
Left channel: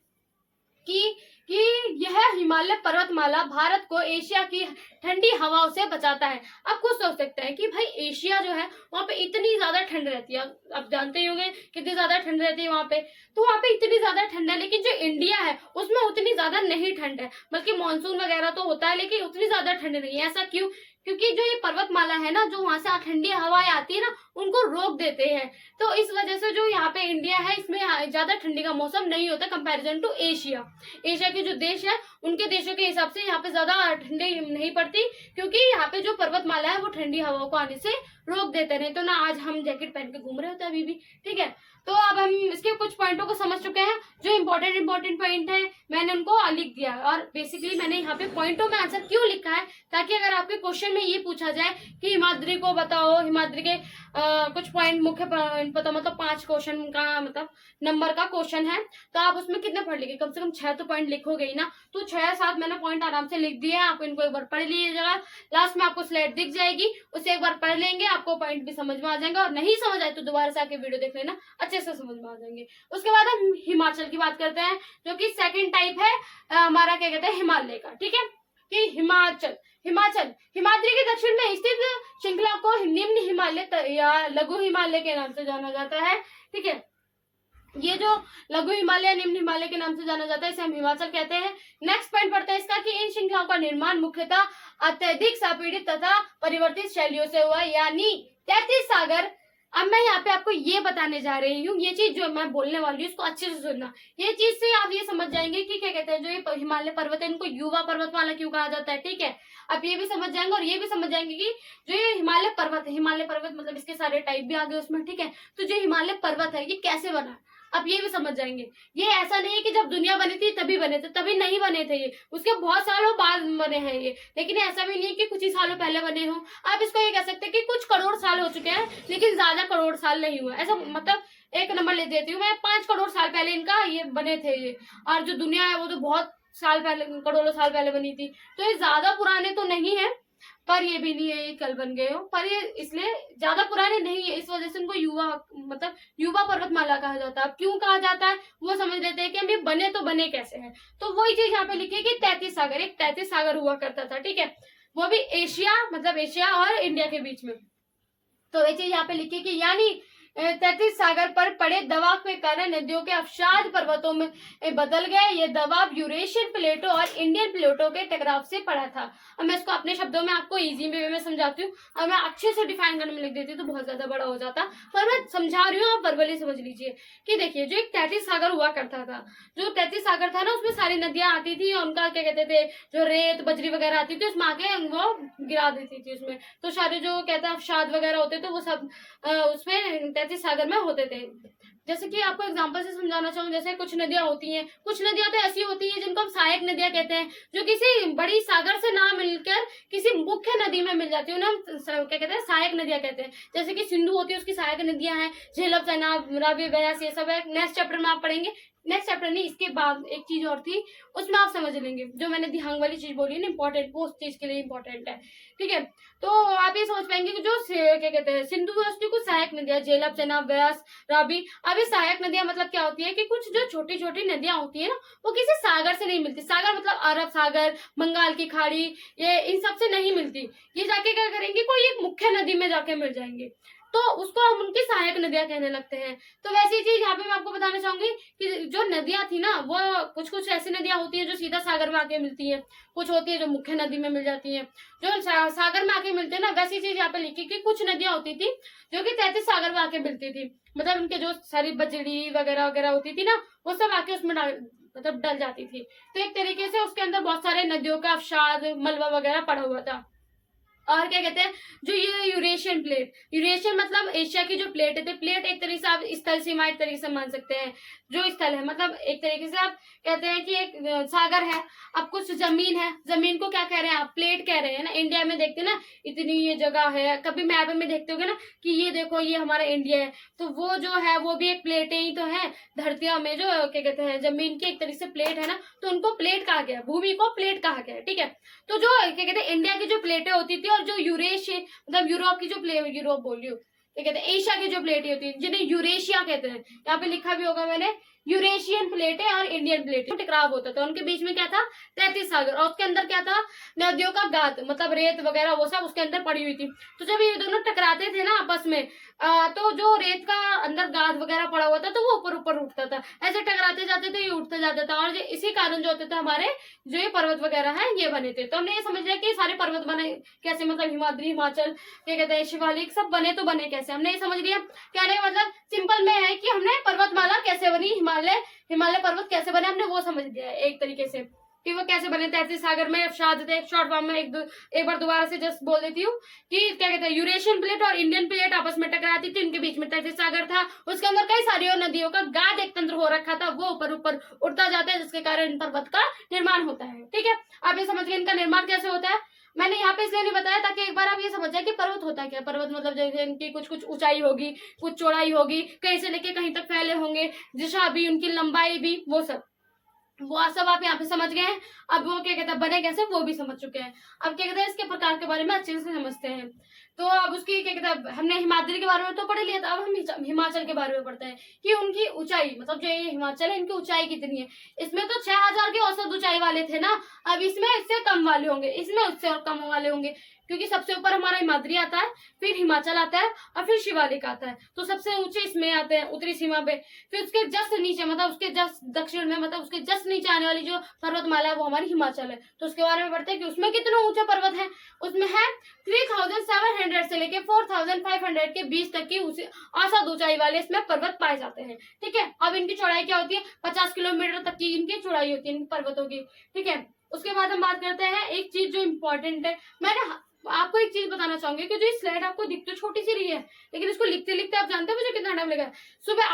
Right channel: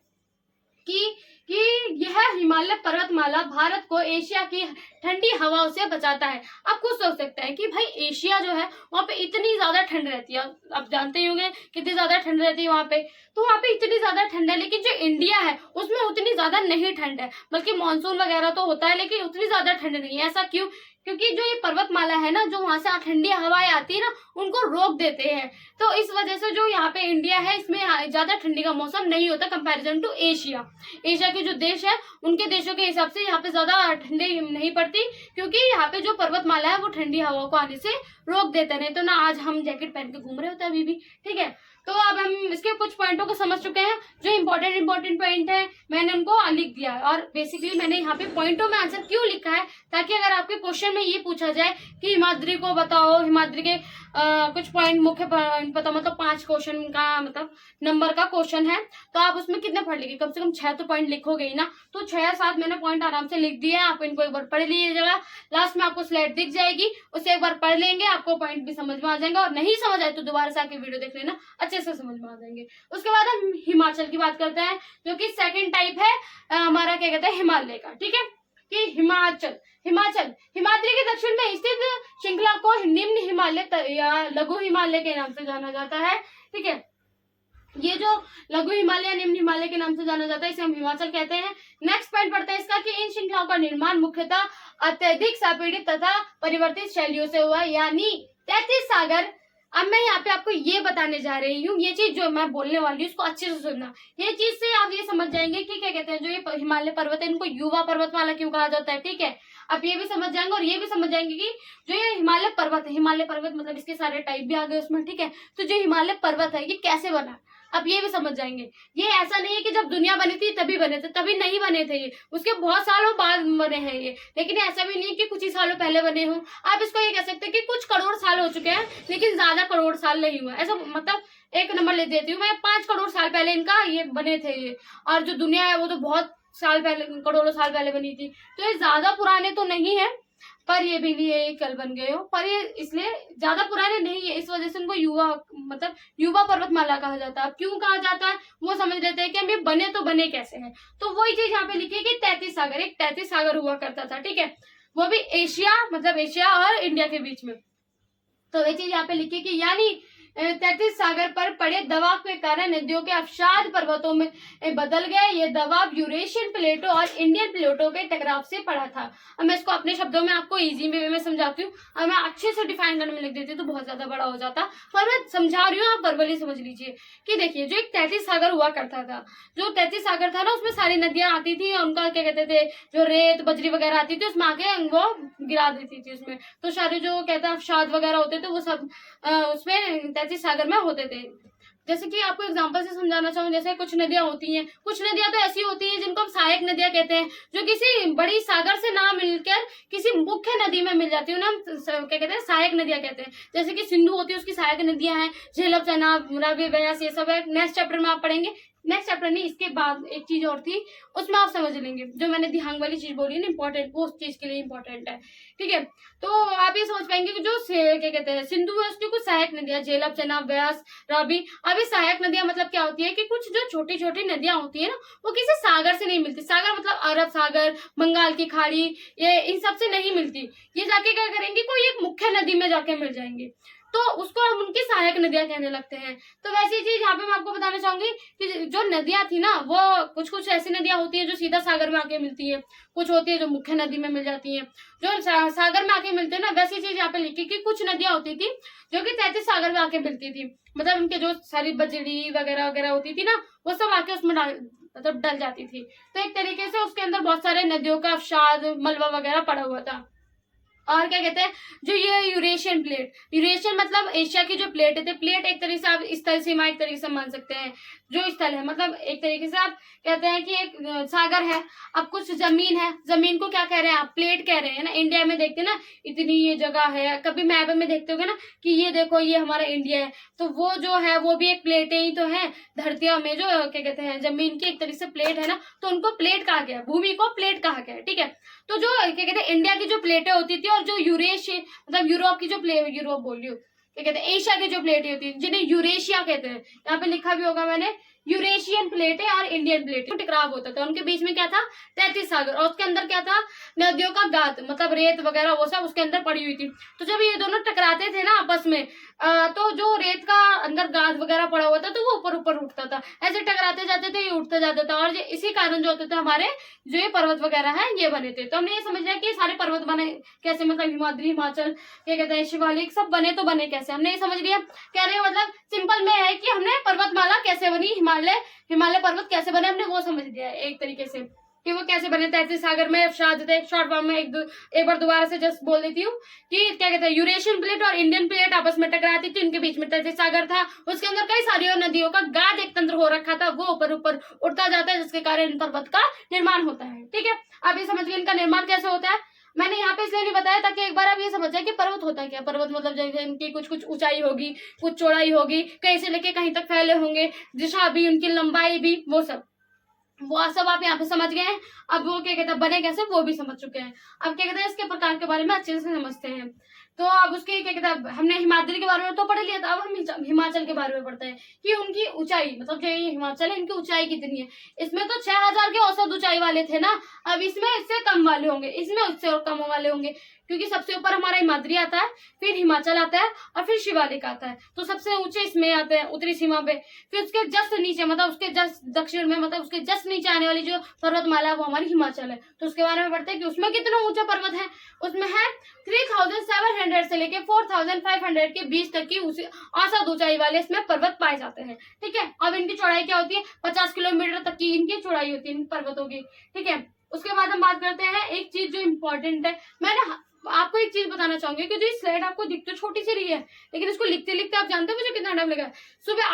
कि कि यह हिमालय पर्वतमाला भारत को एशिया की ठंडी हवाओं से बचाता है। आप खुद सोच सकते हैं कि भाई एशिया जो है वहां पे इतनी ज्यादा ठंड रहती है, आप जानते ही होंगे कितनी ज्यादा ठंड रहती है वहां पे, तो वहां पे इतनी ज्यादा ठंड है, लेकिन जो इंडिया है उसमें उतनी ज्यादा नहीं ठंड है, बल्कि मानसून वगैरह तो होता है लेकिन उतनी ज्यादा ठंड नहीं है। ऐसा क्यों? क्योंकि जो ये पर्वतमाला है ना, जो वहां से ठंडी हवाएं आती है ना उनको रोक देते हैं, तो इस वजह से जो यहाँ पे इंडिया है इसमें ज्यादा ठंडी का मौसम नहीं होता कंपैरिजन टू एशिया। एशिया के जो देश है उनके देशों के हिसाब से यहाँ पे ज्यादा ठंडी नहीं पड़ती, क्योंकि यहाँ पे जो पर्वतमाला है वो ठंडी हवाओं को आने से रोक देते, नहीं तो ना आज हम जैकेट पहन के घूम रहे होते अभी भी, ठीक है। तो अब हम इसके कुछ पॉइंटों को समझ चुके हैं, जो इंपॉर्टेंट पॉइंट है मैंने उनको लिख दिया है। और बेसिकली मैंने यहाँ पे पॉइंटों में आंसर क्यों लिखा है, ताकि अगर आपके क्वेश्चन में ये पूछा जाए कि हिमाद्री को बताओ, हिमाद्री के कुछ पॉइंट मुख्य पता, मतलब 5 क्वेश्चन का मतलब नंबर का क्वेश्चन है, तो आप उसमें कितने पढ़ लेंगे? कम से कम 6 तो पॉइंट लिखोगे ही ना, तो 6-7 मैंने पॉइंट आराम से लिख दिए हैं, आप इनको एक बार पढ़ लीजिएगा। लास्ट में आपको स्लाइड दिख जाएगी, उसे एक बार पढ़ लेंगे, आपको पॉइंट भी समझ में आ जाएगा, और नहीं समझ आए तो दोबारा से आके वीडियो देख लेना, अच्छे से समझ में आ जाएंगे। उसके बाद हम हिमाचल की बात करते हैं, जो कि सेकेंड टाइप है हमारा क्या कहते हैं हिमालय का, ठीक है। कि हिमाचल हिमाद्री के दक्षिण में स्थित श्रृंखला को निम्न हिमालय या लघु हिमालय के नाम से जाना जाता है, ठीक है। ये जो लघु हिमालय निम्न हिमालय के नाम से जाना जाता है इसे हम हिमाचल कहते हैं। नेक्स्ट पॉइंट पढ़ते हैं इसका कि इन श्रृंखलाओं का निर्माण मुख्यतः अत्यधिक संपीड़ित तथा परिवर्तित शैलियों से हुआ, यानी 33 सागर। अब मैं यहाँ पे आपको ये बताने जा रही हूँ, ये चीज जो मैं बोलने वाली हूँ इसको अच्छे से सुनना। ये चीज से आप ये समझ जाएंगे कि क्या कहते हैं जो ये हिमालय पर्वत है इनको युवा पर्वतमाला क्यों कहा जाता है, ठीक है। आप ये भी समझ जाएंगे और ये भी समझ जाएंगे कि जो ये हिमालय पर्वत है, हिमालय पर्वत मतलब इसके सारे टाइप भी आ गए उसमें, ठीक है। तो जो हिमालय पर्वत है ये कैसे बना, अब ये भी समझ जाएंगे। ये ऐसा नहीं है कि जब दुनिया बनी थी तभी बने थे, तभी नहीं बने थे ये, उसके बहुत सालों बाद बने हैं ये। लेकिन ऐसा भी नहीं है कि कुछ ही सालों पहले बने हो, आप इसको ये कह सकते हैं कि कुछ करोड़ साल हो चुके हैं, लेकिन ज्यादा करोड़ साल नहीं हुआ। ऐसा मतलब एक नंबर ले देती हूँ मैं, 5 करोड़ साल पहले इनका ये बने थे ये, और जो दुनिया है वो तो बहुत साल पहले, करोड़ों साल पहले बनी थी, तो ये ज्यादा पुराने तो नहीं है, पर ये भी नहीं है ये कल बन गए हो, पर ये इसलिए ज्यादा पुराने नहीं है, इस वजह से इनको युवा मतलब युवा पर्वतमाला कहा जाता है। अब क्यों कहा जाता है वो समझ लेते हैं कि हम ये बने तो बने कैसे हैं। तो वही चीज यहाँ पे लिखी है कि 33 सागर, एक 33 सागर हुआ करता था, ठीक है, वो भी एशिया मतलब एशिया और इंडिया के बीच में। तो ये चीज यहाँ पे लिखी कि यानी 33 सागर पर पड़े दबाव के कारण नदियों के अवसाद पर्वतों में बदल गए। ये दबाव यूरेशियन प्लेटो और इंडियन प्लेटो के टकराव से पड़ा था। अब मैं इसको अपने शब्दों में आपको इजी वे में समझाती हूँ, और मैं अच्छे से डिफाइन करने में लिख देती तो बहुत ज्यादा बड़ा हो जाता, पर मैं समझा रही हूँ, आप वर्बली समझ लीजिए। कि देखिए जो एक 33 सागर हुआ करता था, जो 33 सागर था ना उसमें सारी नदियां आती थी, उनका क्या कहते थे जो रेत बजरी वगैरह आती थी उसमें आके वो गिरा देती थी उसमें, तो सारे जो कहते हैं अवसाद वगैरह होते थे वो सब उसमें 33 सागर में होते थे। जैसे कि आपको एग्जांपल से समझाना चाहूँ, जैसे कुछ नदियां होती हैं, कुछ नदियां तो ऐसी होती हैं जिनको हम सहायक नदियां कहते हैं, जो किसी बड़ी सागर से ना मिलकर किसी मुख्य नदी में मिल जाती है, उन्हें हम क्या कहते हैं सहायक नदियां कहते हैं। जैसे कि सिंधु होती है उसकी सहायक नदियां हैं, झेलम, चनाब, रावी, ब्यास, ये सब है। नेक्स्ट चैप्टर में आप पढ़ेंगे, नेक्स्ट चैप्टर नहीं इसके बाद एक चीज और थी उसमें आप समझ लेंगे, जो मैंने दिहांग वाली चीज बोली ना इंपॉर्टेंट, वो उस चीज के लिए इंपॉर्टेंट है, ठीक है। तो आप ये समझ पाएंगे कि जो क्या कहते हैं सिंधु है उसकी कुछ सहायक नदियां, झेलम, चनाब, ब्यास, रावी। अब ये सहायक नदियां मतलब क्या होती है कि कुछ जो छोटी छोटी नदियां होती है ना वो किसी सागर से नहीं मिलती, सागर मतलब अरब सागर, बंगाल की खाड़ी, ये इन सब से नहीं मिलती, ये जाके क्या करेंगे कोई एक मुख्य नदी में जाके मिल जाएंगे, तो उसको हम उनकी सहायक नदियां कहने लगते हैं। तो वैसी चीज यहाँ पे मैं आपको बताना चाहूंगी कि जो नदियां थी ना वो कुछ ऐसी नदियां होती है जो सीधा सागर में आके मिलती है, कुछ होती है जो मुख्य नदी में मिल जाती है, जो सागर में आके मिलते हैं ना, वैसी चीज यहाँ पे लिखी कि कुछ नदियां होती थी जो कि 33 सागर में आके मिलती थी, मतलब उनके जो सारी बजड़ी वगैरह वगैरह होती थी ना वो सब आके उसमें मतलब डल जाती थी। तो एक तरीके से उसके अंदर बहुत सारे नदियों का अवसाद मलबा वगैरह पड़ा हुआ था। और क्या कहते हैं, जो ये यूरेशियन प्लेट, यूरेशियन मतलब एशिया की जो प्लेट है, प्लेट एक तरीके से आप स्थल सीमा एक तरीके से मान सकते हैं। जो स्थल है मतलब एक तरीके से आप कहते हैं कि एक सागर है, अब कुछ जमीन है, जमीन को क्या कह रहे हैं आप, प्लेट कह रहे हैं ना। इंडिया में देखते हैं ना इतनी ये जगह है, कभी मैप में देखते होगे ना कि ये देखो ये हमारा इंडिया है, तो वो जो है वो भी एक प्लेट ही तो है। धरतियों में जो क्या कहते हैं जमीन की एक तरीके से प्लेट है ना, तो उनको प्लेट कहा गया, भूमि को प्लेट कहा गया, ठीक है। तो जो क्या कहते हैं इंडिया की जो प्लेटें होती थी और जो यूरेशिया मतलब यूरोप की जो प्लेट, यूरोप बोल रही हूँ, क्या कहते हैं एशिया की जो प्लेटें होती है जिन्हें यूरेशिया कहते हैं, यहाँ पे लिखा भी होगा मैंने, यूरेशियन प्लेटें और इंडियन प्लेटें, टकराव होता था उनके बीच में, क्या था 33 सागर, और उसके अंदर क्या था नदियों का गाद, मतलब रेत वगैरह वो सब उसके अंदर पड़ी हुई थी। तो जब ये दोनों टकराते थे ना आपस में, तो जो रेत का अंदर गाद वगैरह पड़ा हुआ था तो वो ऊपर ऊपर उठता था, ऐसे टकराते जाते थे ये उठता जाता था, और इसी कारण जो होते थे हमारे जो ये पर्वत वगैरह है ये बने थे। तो हमने ये समझ लिया कि सारे पर्वत बने कैसे, मतलब हिमाद्री, हिमाचल, क्या कहते हैं शिवालिक, सब बने तो बने कैसे, हमने ये समझ लिया। कहने का मतलब सिंपल में है कि हमने पर्वतमाला कैसे बनी, हिमालय हिमालय पर्वत कैसे बने, हमने वो समझ लिया है एक तरीके से कि वो कैसे बने। 33 सागर में एक शॉर्ट फॉर्म में एक बार दोबारा से जस्ट बोल देती हूँ कि क्या कहते हैं यूरेशियन प्लेट और इंडियन प्लेट आपस में टकराती थी, उनके बीच में 33 सागर था, उसके अंदर कई सारी और नदियों का गाद एक तंत्र हो रखा था, वो ऊपर ऊपर उठता जाता है जिसके कारण पर्वत का निर्माण होता है, ठीक है। अब ये समझ गए इनका निर्माण कैसे होता है। मैंने यहाँ पे इसलिए नहीं बताया ताकि एक बार आप ये समझ जाए कि पर्वत होता क्या, पर्वत मतलब जैसे इनकी कुछ कुछ ऊंचाई होगी, कुछ चौड़ाई होगी, कहीं से लेके कहीं तक फैले होंगे, दिशा भी, उनकी लंबाई भी, वो सब आप यहाँ पे समझ गए हैं। अब वो क्या कहते हैं बने कैसे वो भी समझ चुके हैं। अब क्या कहते हैं इसके प्रकार के बारे में अच्छे से समझते हैं। तो अब उसकी क्या कहते हैं हमने हिमाद्री के बारे में तो पढ़ लिया था, अब हम हिमाचल के बारे में पढ़ते हैं कि उनकी ऊंचाई, मतलब जो ये हिमाचल है इनकी ऊंचाई कितनी है। इसमें तो 6000 के औसत ऊंचाई वाले थे ना, अब इसमें इससे कम वाले होंगे, इसमें उससे और कम वाले होंगे, क्योंकि सबसे ऊपर हमारा हिमाद्री आता है, फिर हिमाचल आता है और फिर शिवालिक आता है, तो सबसे ऊंचे इसमें आते हैं उत्तरी सीमा पे। फिर उसके जस्ट नीचे मतलब उसके जस्ट दक्षिण में, मतलब उसके जस्ट नीचे आने वाली जो पर्वतमाला है वो हमारी हिमाचल है। तो उसके बारे में पढ़ते हैं कि उसमें कितना ऊंचा पर्वत है। उसमें है 3700 से लेके 4500 के बीच तक की औसत ऊंचाई वाले इसमें पर्वत पाए जाते हैं, ठीक है। अब इनकी चौड़ाई क्या होती है, 50 किलोमीटर तक की इनकी चौड़ाई होती है इन पर्वतों की, ठीक है। उसके बाद हम बात करते हैं एक चीज जो इम्पोर्टेंट है, मैंने आपको एक चीज बताना चाहूंगी कि जो स्लाइड आपको दिख तो छोटी सी रही है, लेकिन इसको लिखते लिखते आप जानते हो मुझे कितना टाइम लगा। सुबह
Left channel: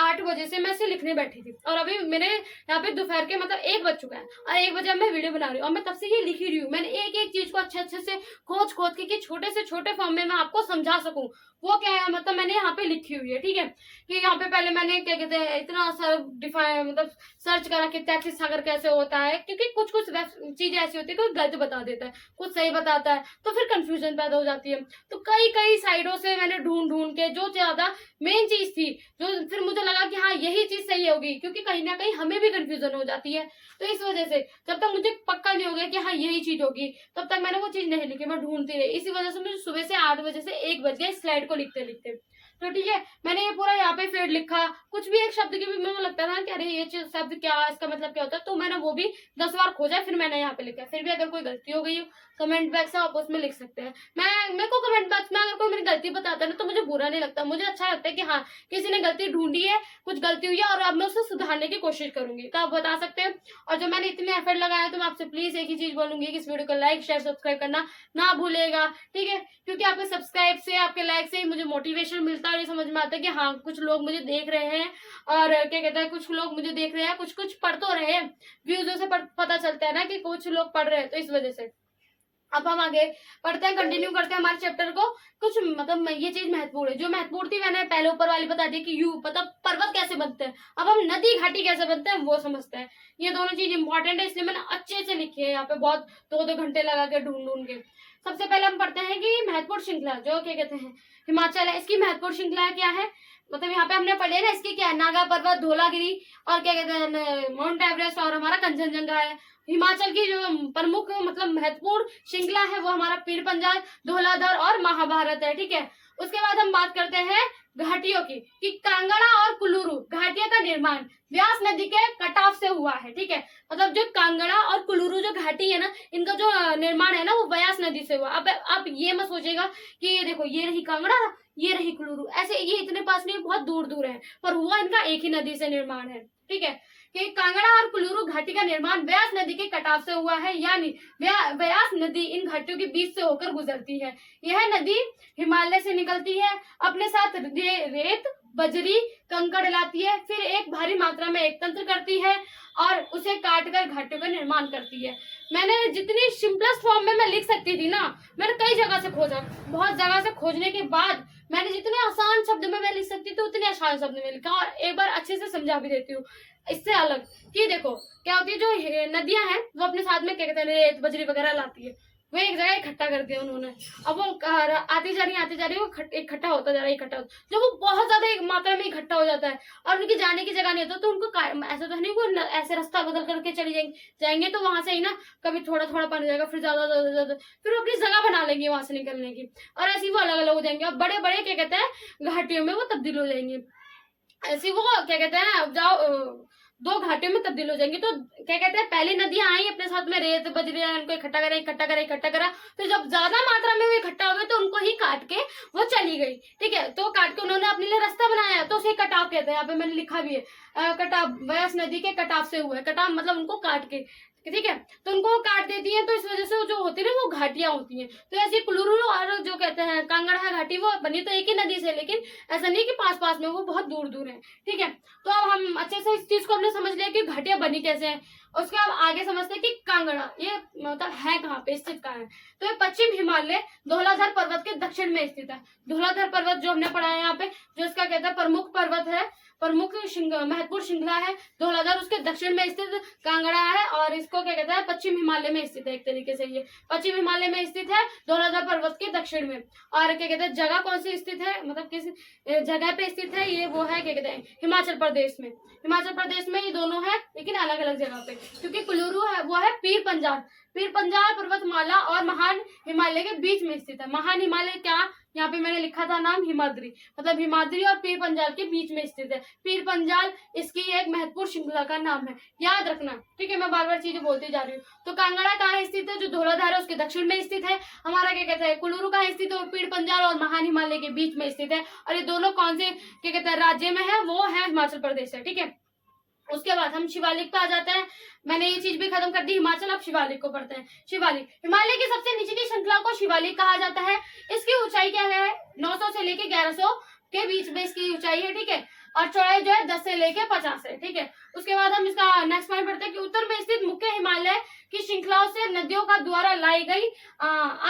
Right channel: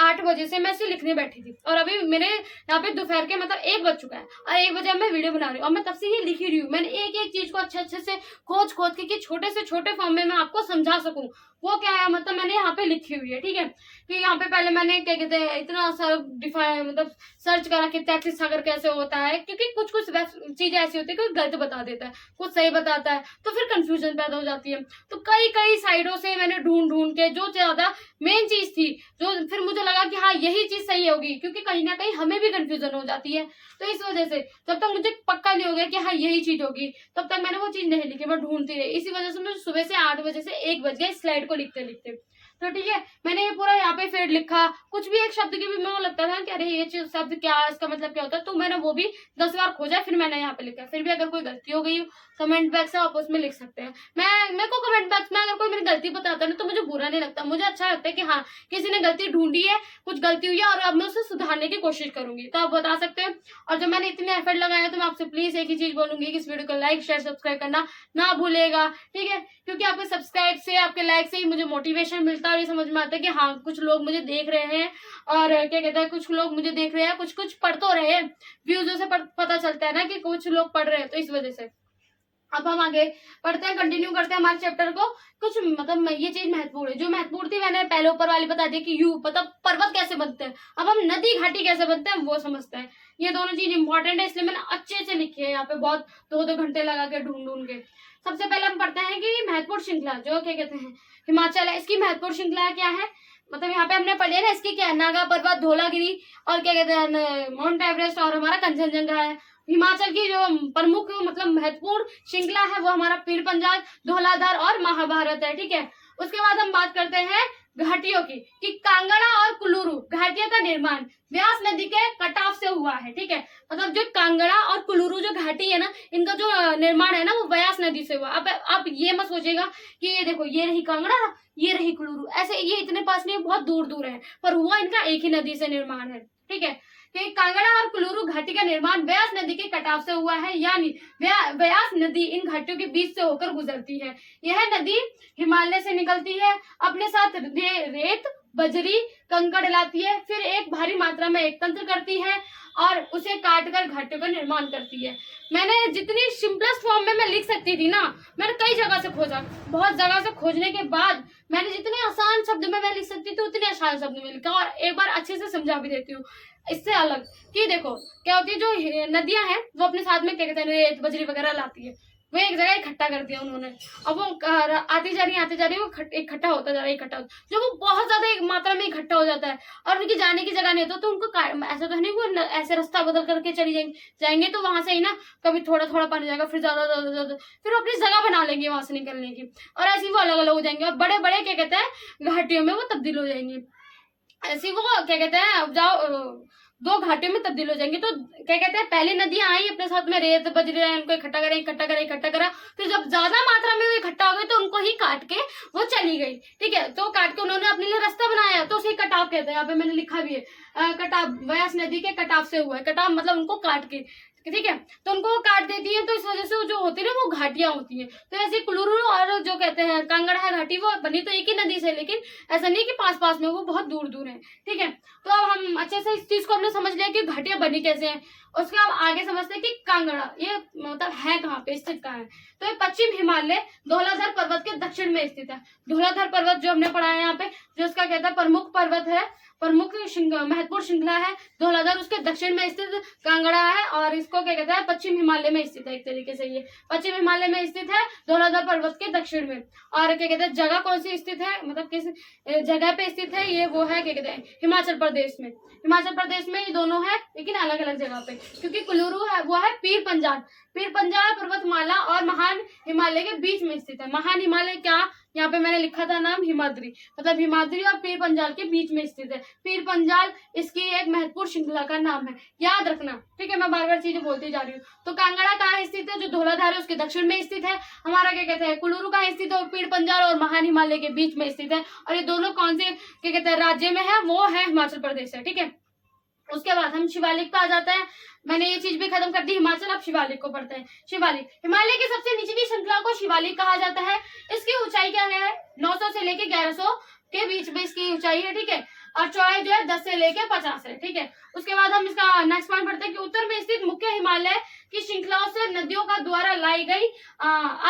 8 बजे से मैं इसे लिखने बैठी थी, और अभी मेरे यहाँ पे दोपहर के मतलब 1 बज चुका है, और 1 बजे मैं वीडियो बना रही हूँ, और मैं तब से ये लिख ही रही हूँ। मैंने एक एक चीज को अच्छे से खोज खोज के छोटे से छोटे फॉर्म में मैं आपको समझा सकूं, वो क्या है मतलब मैंने यहाँ पे लिखी हुई है, ठीक है। कि यहाँ पे पहले मैंने क्या कहते हैं इतना सा डिफाइन मतलब सर्च करा कि 33 सागर कैसे होता है, क्योंकि कुछ कुछ चीजें ऐसी होती है कोई गलत बता देता है, कुछ सही बताता है, तो फिर कंफ्यूजन पैदा हो जाती है। तो कई कई साइडों से मैंने ढूंढ ढूंढ के जो ज्यादा मेन चीज थी, जो फिर मुझे लगा कि हाँ यही चीज सही होगी, क्योंकि कहीं ना कहीं हमें भी कंफ्यूजन हो जाती है। तो इस वजह से जब तक मुझे पक्का नहीं हो गया कि हाँ यही चीज होगी, तब तक मैंने वो चीज नहीं लिखी, मैं ढूंढती रही। इसी वजह से मुझे सुबह से 8 बजे से 1 बज गए स्लाइड को लिखते लिखते। तो ठीक है, मैंने ये पूरा यहाँ पे फिर लिखा, कुछ भी एक शब्द की भी मेरे को लगता था कि अरे ये चीज शब्द क्या है, इसका मतलब क्या होता है, तो मैंने वो भी 10 बार खोजा, फिर मैंने यहाँ पे लिखा। फिर भी अगर कोई गलती हो गई कमेंट बॉक्स है आप उसमें लिख सकते हैं। मेरे को कमेंट बॉक्स में अगर कोई मेरी गलती बताता है ना तो मुझे बुरा नहीं लगता, मुझे अच्छा लगता है कि हाँ किसी ने गलती ढूंढी है, कुछ गलती हुई है और अब मैं उसे सुधारने की कोशिश करूंगी, तो आप बता सकते हैं। और जब मैंने इतने एफर्ट लगाया तो मैं आपसे प्लीज एक ही चीज बोलूंगी कि इस वीडियो को लाइक शेयर सब्सक्राइब करना ना भूलेगा, ठीक है। क्योंकि आपके सब्सक्राइब से आपके लाइक से ही मुझे मोटिवेशन मिलता है और ये समझ में आता है कि हाँ कुछ लोग मुझे देख रहे हैं, और क्या कहते हैं कुछ लोग मुझे देख रहे हैं, कुछ कुछ पढ़ तो रहे हैं, व्यूजों से पता चलता है ना कि कुछ लोग पढ़ रहे हैं, तो इस वजह से। अब हम आगे पढ़ते हैं, कंटिन्यू करते हैं हमारे चैप्टर को। कुछ मतलब ये चीज महत्वपूर्ण है, जो महत्वपूर्ण थी मैंने पहले ऊपर वाली बता दी कि यू मतलब पर्वत कैसे बनते हैं। अब हम नदी घाटी कैसे बनते हैं वो समझते हैं। ये दोनों चीज इंपॉर्टेंट है, इसलिए मैंने अच्छे से लिखी है यहाँ पे, बहुत 2-2 घंटे लगा के ढूंढ ढूंढ के। सबसे पहले हम पढ़ते हैं कि महत्वपूर्ण श्रृंखला जो क्या कहते हैं हिमाचल है, इसकी महत्वपूर्ण श्रृंखला क्या है। मतलब यहाँ पे हमने पढ़े ना इसकी क्या है, नागा पर्वत, धौलागिरी और क्या कहते हैं माउंट एवरेस्ट और हमारा कंचनजंगा है। हिमाचल की जो प्रमुख मतलब महत्वपूर्ण श्रृंखला है वो हमारा पीर पंजाल, धौलाधार और महाभारत है, ठीक है। उसके बाद हम बात करते हैं घाटियों की, कि कांगड़ा और कुल्लू घाटियों का निर्माण व्यास नदी के कटाव से हुआ है, ठीक है। मतलब जो कांगड़ा और कुल्लू जो घाटी है ना, इनका जो निर्माण है ना वो व्यास नदी से हुआ। अब आप ये मत सोचेगा कि ये देखो ये रही कांगड़ा ये रही कुल्लू, ऐसे ये इतने पास नहीं, बहुत दूर दूर है, पर हुआ इनका एक ही नदी से निर्माण है, ठीक है। कि कांगड़ा और कुल्लू घाटी का निर्माण ब्यास नदी के कटाव से हुआ है, यानी ब्यास नदी इन घाटियों के बीच से होकर गुजरती है। यह नदी हिमालय से निकलती है, अपने साथ रेत, बजरी, कंकड़ लाती है, फिर एक भारी मात्रा में एकत्र करती है और उसे काटकर घाटियों का निर्माण करती है। मैंने जितनी सिंपलेस्ट फॉर्म में मैं लिख सकती थी ना, मैंने कई जगह से खोजा, बहुत जगह से खोजने के बाद मैंने जितने आसान शब्द में मैं लिख सकती थी उतने आसान शब्द में लिखा, और एक बार अच्छे से समझा भी देती हूँ। इससे अलग कि देखो क्या होती है, जो नदियां हैं वो अपने साथ में क्या कहते हैं रेत, बजरी वगैरह लाती है, वो एक जगह इकट्ठा कर दिया उन्होंने। अब वो आती जा रही वो इकट्ठा होता जा रहा है, इकट्ठा होता, जब वो बहुत ज्यादा एक मात्रा में इकट्ठा हो जाता है और उनकी जाने की जगह नहीं होता, तो उनको ऐसा तो नहीं वो ऐसे रास्ता बदल करके चली जाएंगे तो वहां से ही ना कभी थोड़ा थोड़ा पानी जाएगा, फिर ज्यादा, फिर अपनी जगह बना लेंगे वहां से निकलने की, और ऐसे ही वो अलग अलग हो जाएंगे और बड़े बड़े क्या कहते हैं घाटियों में वो तब्दील हो जाएंगे। ऐसी वो क्या कहते हैं अब जाओ दो घाटियों में तब्दील हो जाएंगे। तो क्या कहते हैं पहली नदियां आई अपने साथ में रेत, बजरी, उनको इकट्ठा करा, फिर जब ज्यादा मात्रा में वो इकट्ठा हो गए तो उनको ही काट के वो चली गई। ठीक है, तो काट के उन्होंने अपने लिए रास्ता बनाया, तो उसे कटाव कहते हैं। यहाँ पे मैंने लिखा भी है कटाव, ब्यास नदी के कटाव से हुआ है। कटाव मतलब उनको काट के, ठीक है, तो उनको काट देती है, तो इस वजह से जो होती है ना वो घाटियां होती हैं। तो ऐसे कुल्लू और जो कहते हैं कांगड़ा है घाटी, वो बनी तो एक ही नदी से, लेकिन ऐसा नहीं कि पास पास में, वो बहुत दूर दूर है। ठीक है, तो अब हम अच्छे से इस चीज को हमने समझ लिया कि घाटियां बनी कैसे हैं। उसके अब आगे समझते हैं कि कांगड़ा ये मतलब है कहाँ पे, स्थित कहाँ है। तो ये पश्चिम हिमालय धौलाधार पर्वत के दक्षिण में स्थित है। धौलाधार पर्वत जो हमने पढ़ा है यहाँ पे, जो इसका कहता है प्रमुख पर्वत है, प्रमुख महत्वपूर्ण श्रृंखला है धौलाधार, उसके दक्षिण में स्थित कांगड़ा है, और इसको क्या कहता है पश्चिम हिमालय में स्थित है। एक तरीके से ये पश्चिम हिमालय में स्थित है धौलाधार पर्वत के दक्षिण में। और क्या कहते हैं जगह कौन सी स्थित है, मतलब किस जगह पे स्थित है, ये वो है क्या कहते हैं हिमाचल प्रदेश में। हिमाचल प्रदेश में ये दोनों है, लेकिन अलग अलग जगह पे, क्योंकि कुल्लू है वो है पीर पंजाल पर्वतमाला और महान हिमालय के बीच में स्थित है। महान हिमालय क्या, यहाँ पे मैंने लिखा था नाम हिमाद्री, मतलब हिमाद्री और पीर पंजाल के बीच में स्थित है। पीर पंजाल इसकी एक महत्वपूर्ण श्रृंखला का नाम है, याद रखना। ठीक है, मैं बार बार चीजें बोलती जा रही हूँ। तो कांगड़ा कहाँ स्थित है, जो धौलाधार है उसके दक्षिण में स्थित है। हमारा क्या कहते हैं कुल्लू कहाँ स्थित है, पीर पंजाल और महान हिमालय के बीच में स्थित है। और ये दोनों कौन से क्या कहते हैं राज्य में है, वो है हिमाचल प्रदेश है। ठीक है, उसके बाद हम शिवालिक पे आ जाते हैं। मैंने ये चीज भी खत्म कर दी हिमाचल, अब शिवालिक को पढ़ते हैं। शिवालिक हिमालय की सबसे नीचे की श्रृंखला को शिवालिक कहा जाता है। इसकी ऊंचाई क्या है, 900 से लेके 1100 के बीच में इसकी ऊंचाई है। ठीक है, और चौड़ाई जो है 10 से लेके 50 है। ठीक है, उसके बाद हम इसका नेक्स्ट पॉइंट पढ़ते हैं कि उत्तर में स्थित मुख्य हिमालय की श्रृंखलाओं से नदियों का द्वारा लाई गई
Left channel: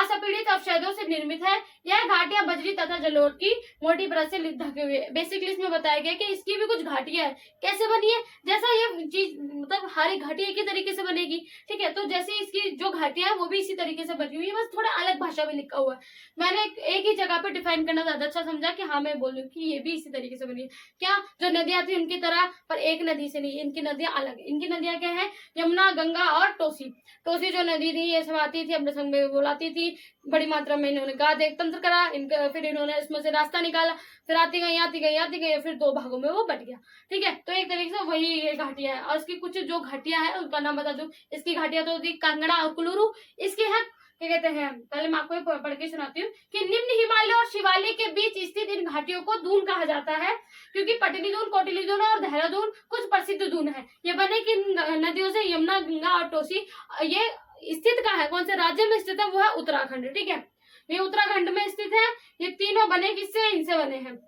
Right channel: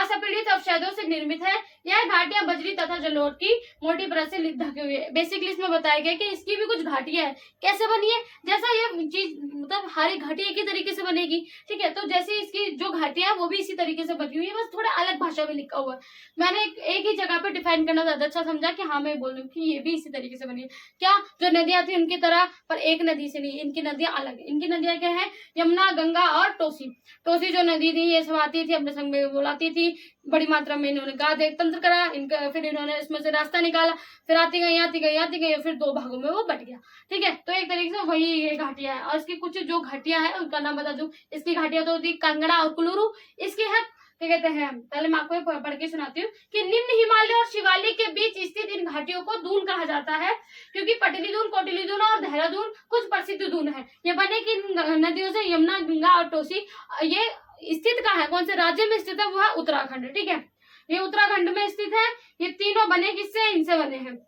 असंपीड़ित अवशेषों से निर्मित है। यह घाटियां बजरी तथा जलोढ़ की मोटी परत से ढकी हुई है। बेसिकली इसमें बताया गया कि इसकी भी कुछ घाटियां है। कैसे बनी है, जैसा ये चीज मतलब हर घाटी एक ही तरीके से बनेगी। ठीक है, तो जैसे इसकी जो घाटियां है वो भी इसी तरीके से बनी हुई है, बस थोड़ा अलग भाषा में लिखा हुआ है। मैंने एक ही जगह पे डिफाइन करना ज्यादा अच्छा समझा कि हाँ मैं बोल रही हूँ कि ये भी इसी तरीके से बनी है। क्या, जो नदियां थी उनकी तरह, पर एक नदी से नहीं, इनकी नदियां अलग है। इनकी नदियां क्या है, यमुना, गंगा और टोसी। टोसी जो नदी थी ये सब आती थी अपने संग में बुलाती थी, बड़ी मात्रा में इन्होंने गाद एक तंत्र करा इनका, फिर इन्होंने इसमें से रास्ता निकाला, फिर आती गई, फिर दो भागों में वो बट गया। ठीक है, तो एक तरीके से वही ये घाटियां है। और इसकी कुछ जो घाटियां है उनका नाम बता दूं। इसकी घाटियां तो होती कांगड़ा और कुल्लू। इसके है क्या कहते हैं, पहले मैं आपको पढ़ के सुनाती हूँ कि निम्न हिमालय और शिवालिक के बीच स्थित इन घाटियों को दून कहा जाता है, क्योंकि पटली दून, कोटिली दून और देहरादून कुछ प्रसिद्ध दून है। ये बने की नदियों से यमुना, गंगा और टोसी। ये स्थित कहाँ है, कौन से राज्य में स्थित है, वो है उत्तराखंड। ठीक है, ये उत्तराखंड में स्थित है। ये तीनों बने किससे, इनसे बने हैं।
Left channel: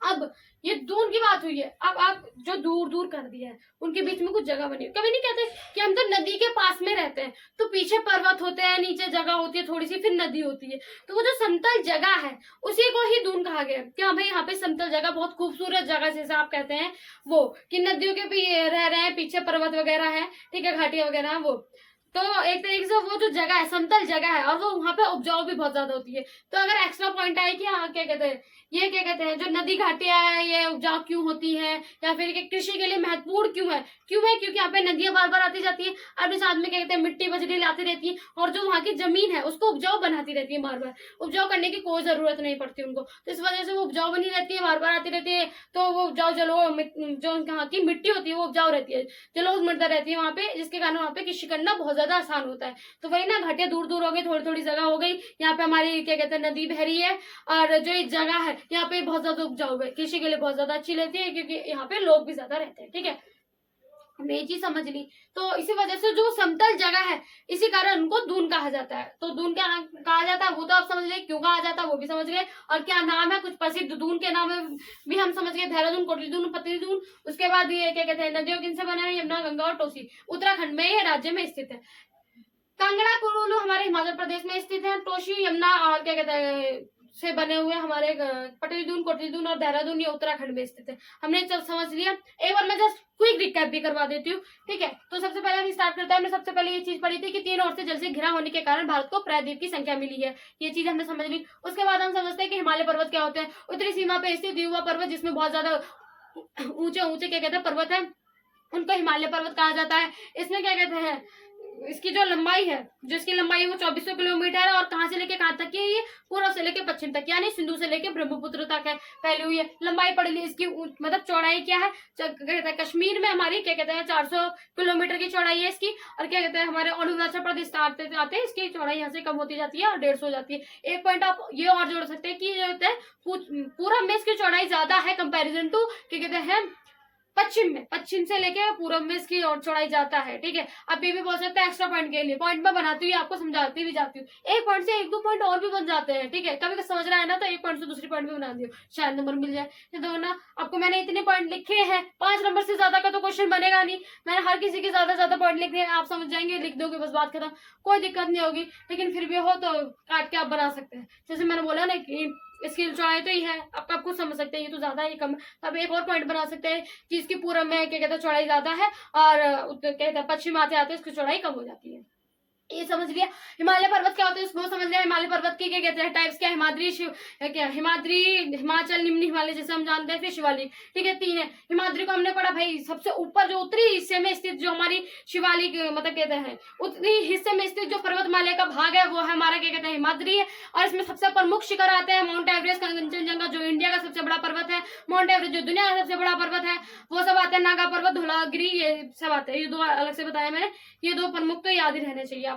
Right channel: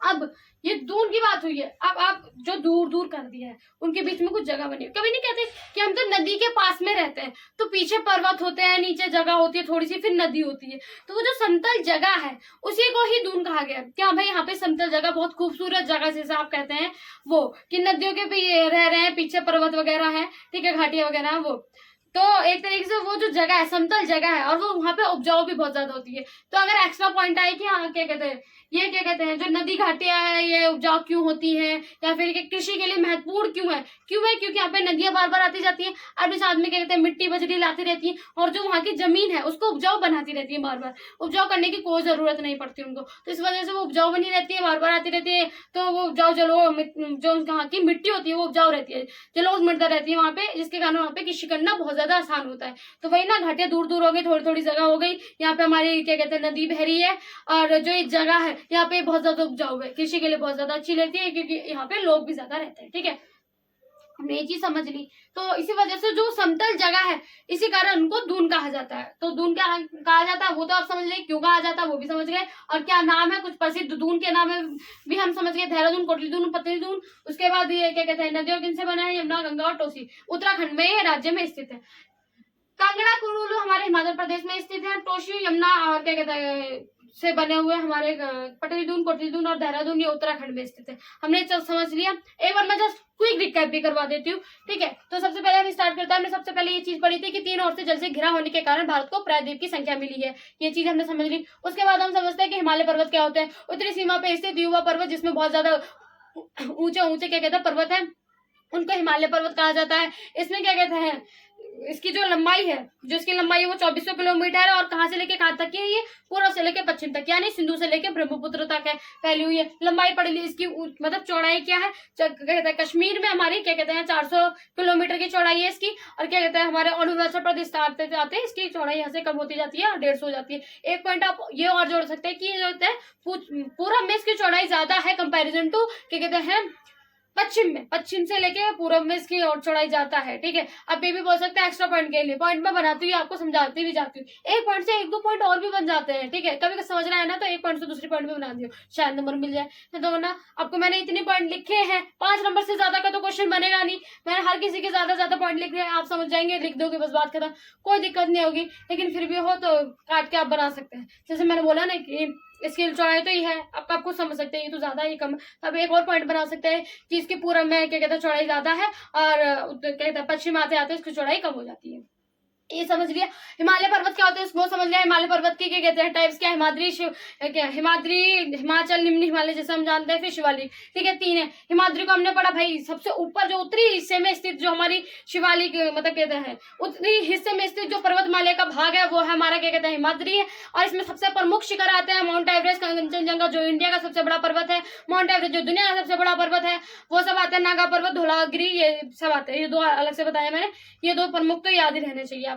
अब ये दूर की बात हुई है, अब आप जो दूर दूर कर दिया है उनके बीच में कुछ जगह बनी है। कभी नहीं कहते कि हम तो नदी के पास में रहते हैं, तो पीछे पर्वत होते हैं, नीचे जगह होती है थोड़ी सी, फिर नदी होती है, तो वो जो समतल जगह है उसी को ही दून कहा गया। क्या भाई यहाँ पे समतल जगह, बहुत खूबसूरत जगह जैसे आप कहते हैं वो, कि नदियों के भी रह रहे हैं, पीछे पर्वत वगैरह है, ठीक है, घाटियां वगैरह है वो, तो एक तरीके से वो जो जगह है समतल जगह है, और वो वहां पे उपजाऊ भी बहुत ज्यादा होती है। तो अगर एक्स्ट्रा पॉइंट आए कि हाँ क्या कहते हैं, ये क्या कहते हैं जो नदी घाटियां है ये उपजाऊ क्यों होती है, या फिर कृषि के लिए महत्वपूर्ण क्यों है, क्योंकि यहाँ पे नदियां बार बार आती जाती है, और भी साथ में क्या कहते हैं मिट्टी बजरी लाती रहती है, और जो वहाँ की जमीन है उसको उपजाऊ बनाती रहती है। बार बार उपजाऊ करने की कोई जरूरत नहीं पड़ती उनको, तो इस वजह से वो उपजाऊ बनी रहती है, बार बार आती रहती है, तो वो उपजाऊ जो वहाँ की मिट्टी होती है वो उपजाऊ रहती है, जलोढ़ मृदा रहती है वहाँ पे, जिसके कारण वहाँ पे कृषि करना बहुत ज्यादा आसान होता है। तो वही ना, घाटियां दूर दूर हो गई, थोड़ी थोड़ी जगह हो गई, यहाँ पे हमारी क्या कहते हैं नदी बह रही है, और जो ये जगह है यहाँ पे बहुत ज्यादा उपजाऊ है, कृषि के लिए बहुत ज्यादा अच्छी रहती है, क्योंकि यहाँ पे लोग भी ज्यादा रहते हैं। ठीक है, हमने ये चीज समझ ली। तो इसी वजह से जो समतल जगह है इसी कारण उनको दून कहा जाता है। तो दून क्या कहा जाता है वो तो आप समझ गए, क्यों कहा जाता है वो भी समझ गए, और क्या नाम है कुछ प्रसिद्ध दून के नाम है भी हम समझ गए, देहरादून, कोटली दून, पतली दून। उसके बाद ये क्या कहते हैं, नदियों किनसे बना है, यमुना, गंगा और टोसी। उत्तराखंड में ये राज्य में स्थित है। कांगड़ा कुल्लू हमारे हिमाचल प्रदेश में स्थित है। टोशी, यमुना और क्या कहते हैं से बने हुए हमारे पटली दून, कोटली दून और देहरादून ये उत्तराखंड में स्थित है। हमने सब समझ लिया। एक बार मैं जस्ट क्विक रिकैप भी करवा देती हूँ, ठीक है। तो सबसे पहले हम स्टार्ट करते हैं। हमने सबसे पहले ये चीज पढ़ी थी कि 3 ओर से जल से घिरा होने के कारण भारत को प्रायद्वीप की संख्या मिली है। ये चीज हमने समझ ली। उसके बाद हम समझते हैं कि हिमालय पर्वत क्या होते हैं। उत्तरी सीमा पे स्थित युवा पर्वत जिसमें बहुत ज्यादा ऊंचे ऊंचे क्या कहते हैं पर्वत है, उनको हिमालय पर्वत कहा जाता है। इसमें क्या कहते हैं, इसकी जो लंबाई है, जो इसकी लंबाई है वो 2400 किलोमीटर है। और कहाँ से लेके कहाँ तक की है ये, पूर्व से लेके पश्चिम तक, यानी सिंधु से लेके ब्रह्मपुत्र तक है, फैली हुई है। लंबाई पढ़ ली। इसकी मतलब चौड़ाई क्या है, कहते हैं कश्मीर में हमारी क्या कहते हैं 400 किलोमीटर की चौड़ाई है इसकी। और क्या कहते हैं हमारे अरुणाचल प्रदेश आते आते इसकी चौड़ाई यहाँ से कम होती जाती है और 150 हो जाती है। एक पॉइंट आप ये और जोड़ सकते हैं कि ये कहते हैं पूरब में इसकी चौड़ाई ज्यादा है कंपेरिजन टू क्या कहते हैं पश्चिम में। पश्चिम से लेके पूरब में इसकी और चौड़ाई जाता है, ठीक है। अब ये भी बोल सकते हैं एक्स्ट्रा पॉइंट के लिए, पॉइंट में बनाती हूँ आपको समझाती भी जाती हूँ। एक पॉइंट से 1-2 पॉइंट और भी बन जाते हैं, ठीक है। कभी समझ रहा है ना तो एक पॉइंट से दूसरी पॉइंट भी बना दियो, शायद नंबर मिल जाए। तो ना आपको मैंने इतने पॉइंट लिखे हैं, 5 नंबर से ज्यादा का तो क्वेश्चन बनेगा नहीं। मैंने हर किसी के ज्यादा पॉइंट लिख दिए, आप समझ जाएंगे, लिख दोगे बस, बात खत्म, कोई दिक्कत नहीं होगी। लेकिन फिर भी हो तो काट के आप बना सकते हैं। जैसे मैंने बोला ना कि इसकी चौड़ाई तो ये है, आप खुद समझ सकते हैं ये तो ज्यादा है ये कम। तब एक और पॉइंट बना सकते हैं कि इसकी पूरब में क्या कहते हैं चौड़ाई ज्यादा है और क्या कहते हैं पश्चिम आते आते इसकी चौड़ाई कम हो जाती है। ये समझ लिया। हिमालय पर्वत क्या होते हैं वो समझ लिया। हिमालय पर्वत के क्या कहते हैं टाइप्स क्या, हिमाद्री, क्या हिमाद्री, हिमाचल, निम्न हिमालय जैसे हम जानते हैं, फिर शिवालिक, ठीक है। 3 है। हिमाद्री को हमने पढ़ा भाई सबसे ऊपर जो उत्तरी हिस्से में स्थित जो हमारी शिवालिक मतलब कहते हैं उत्तरी हिस्से में स्थित जो पर्वतमाला का भाग है वो है हमारा क्या कहते हैं हिमाद्री है। और इसमें सबसे प्रमुख शिखर आते हैं माउंट एवरेस्ट, कंचनजंगा जो इंडिया का सबसे बड़ा पर्वत है, माउंट एवरेस्ट जो दुनिया का सबसे बड़ा पर्वत है वो सब आते हैं, नागा पर्वत, धौलागिरी, ये सब आते हैं। ये 2 अलग से बताया मैंने, ये 2 प्रमुख तो याद ही रहने चाहिए आपको।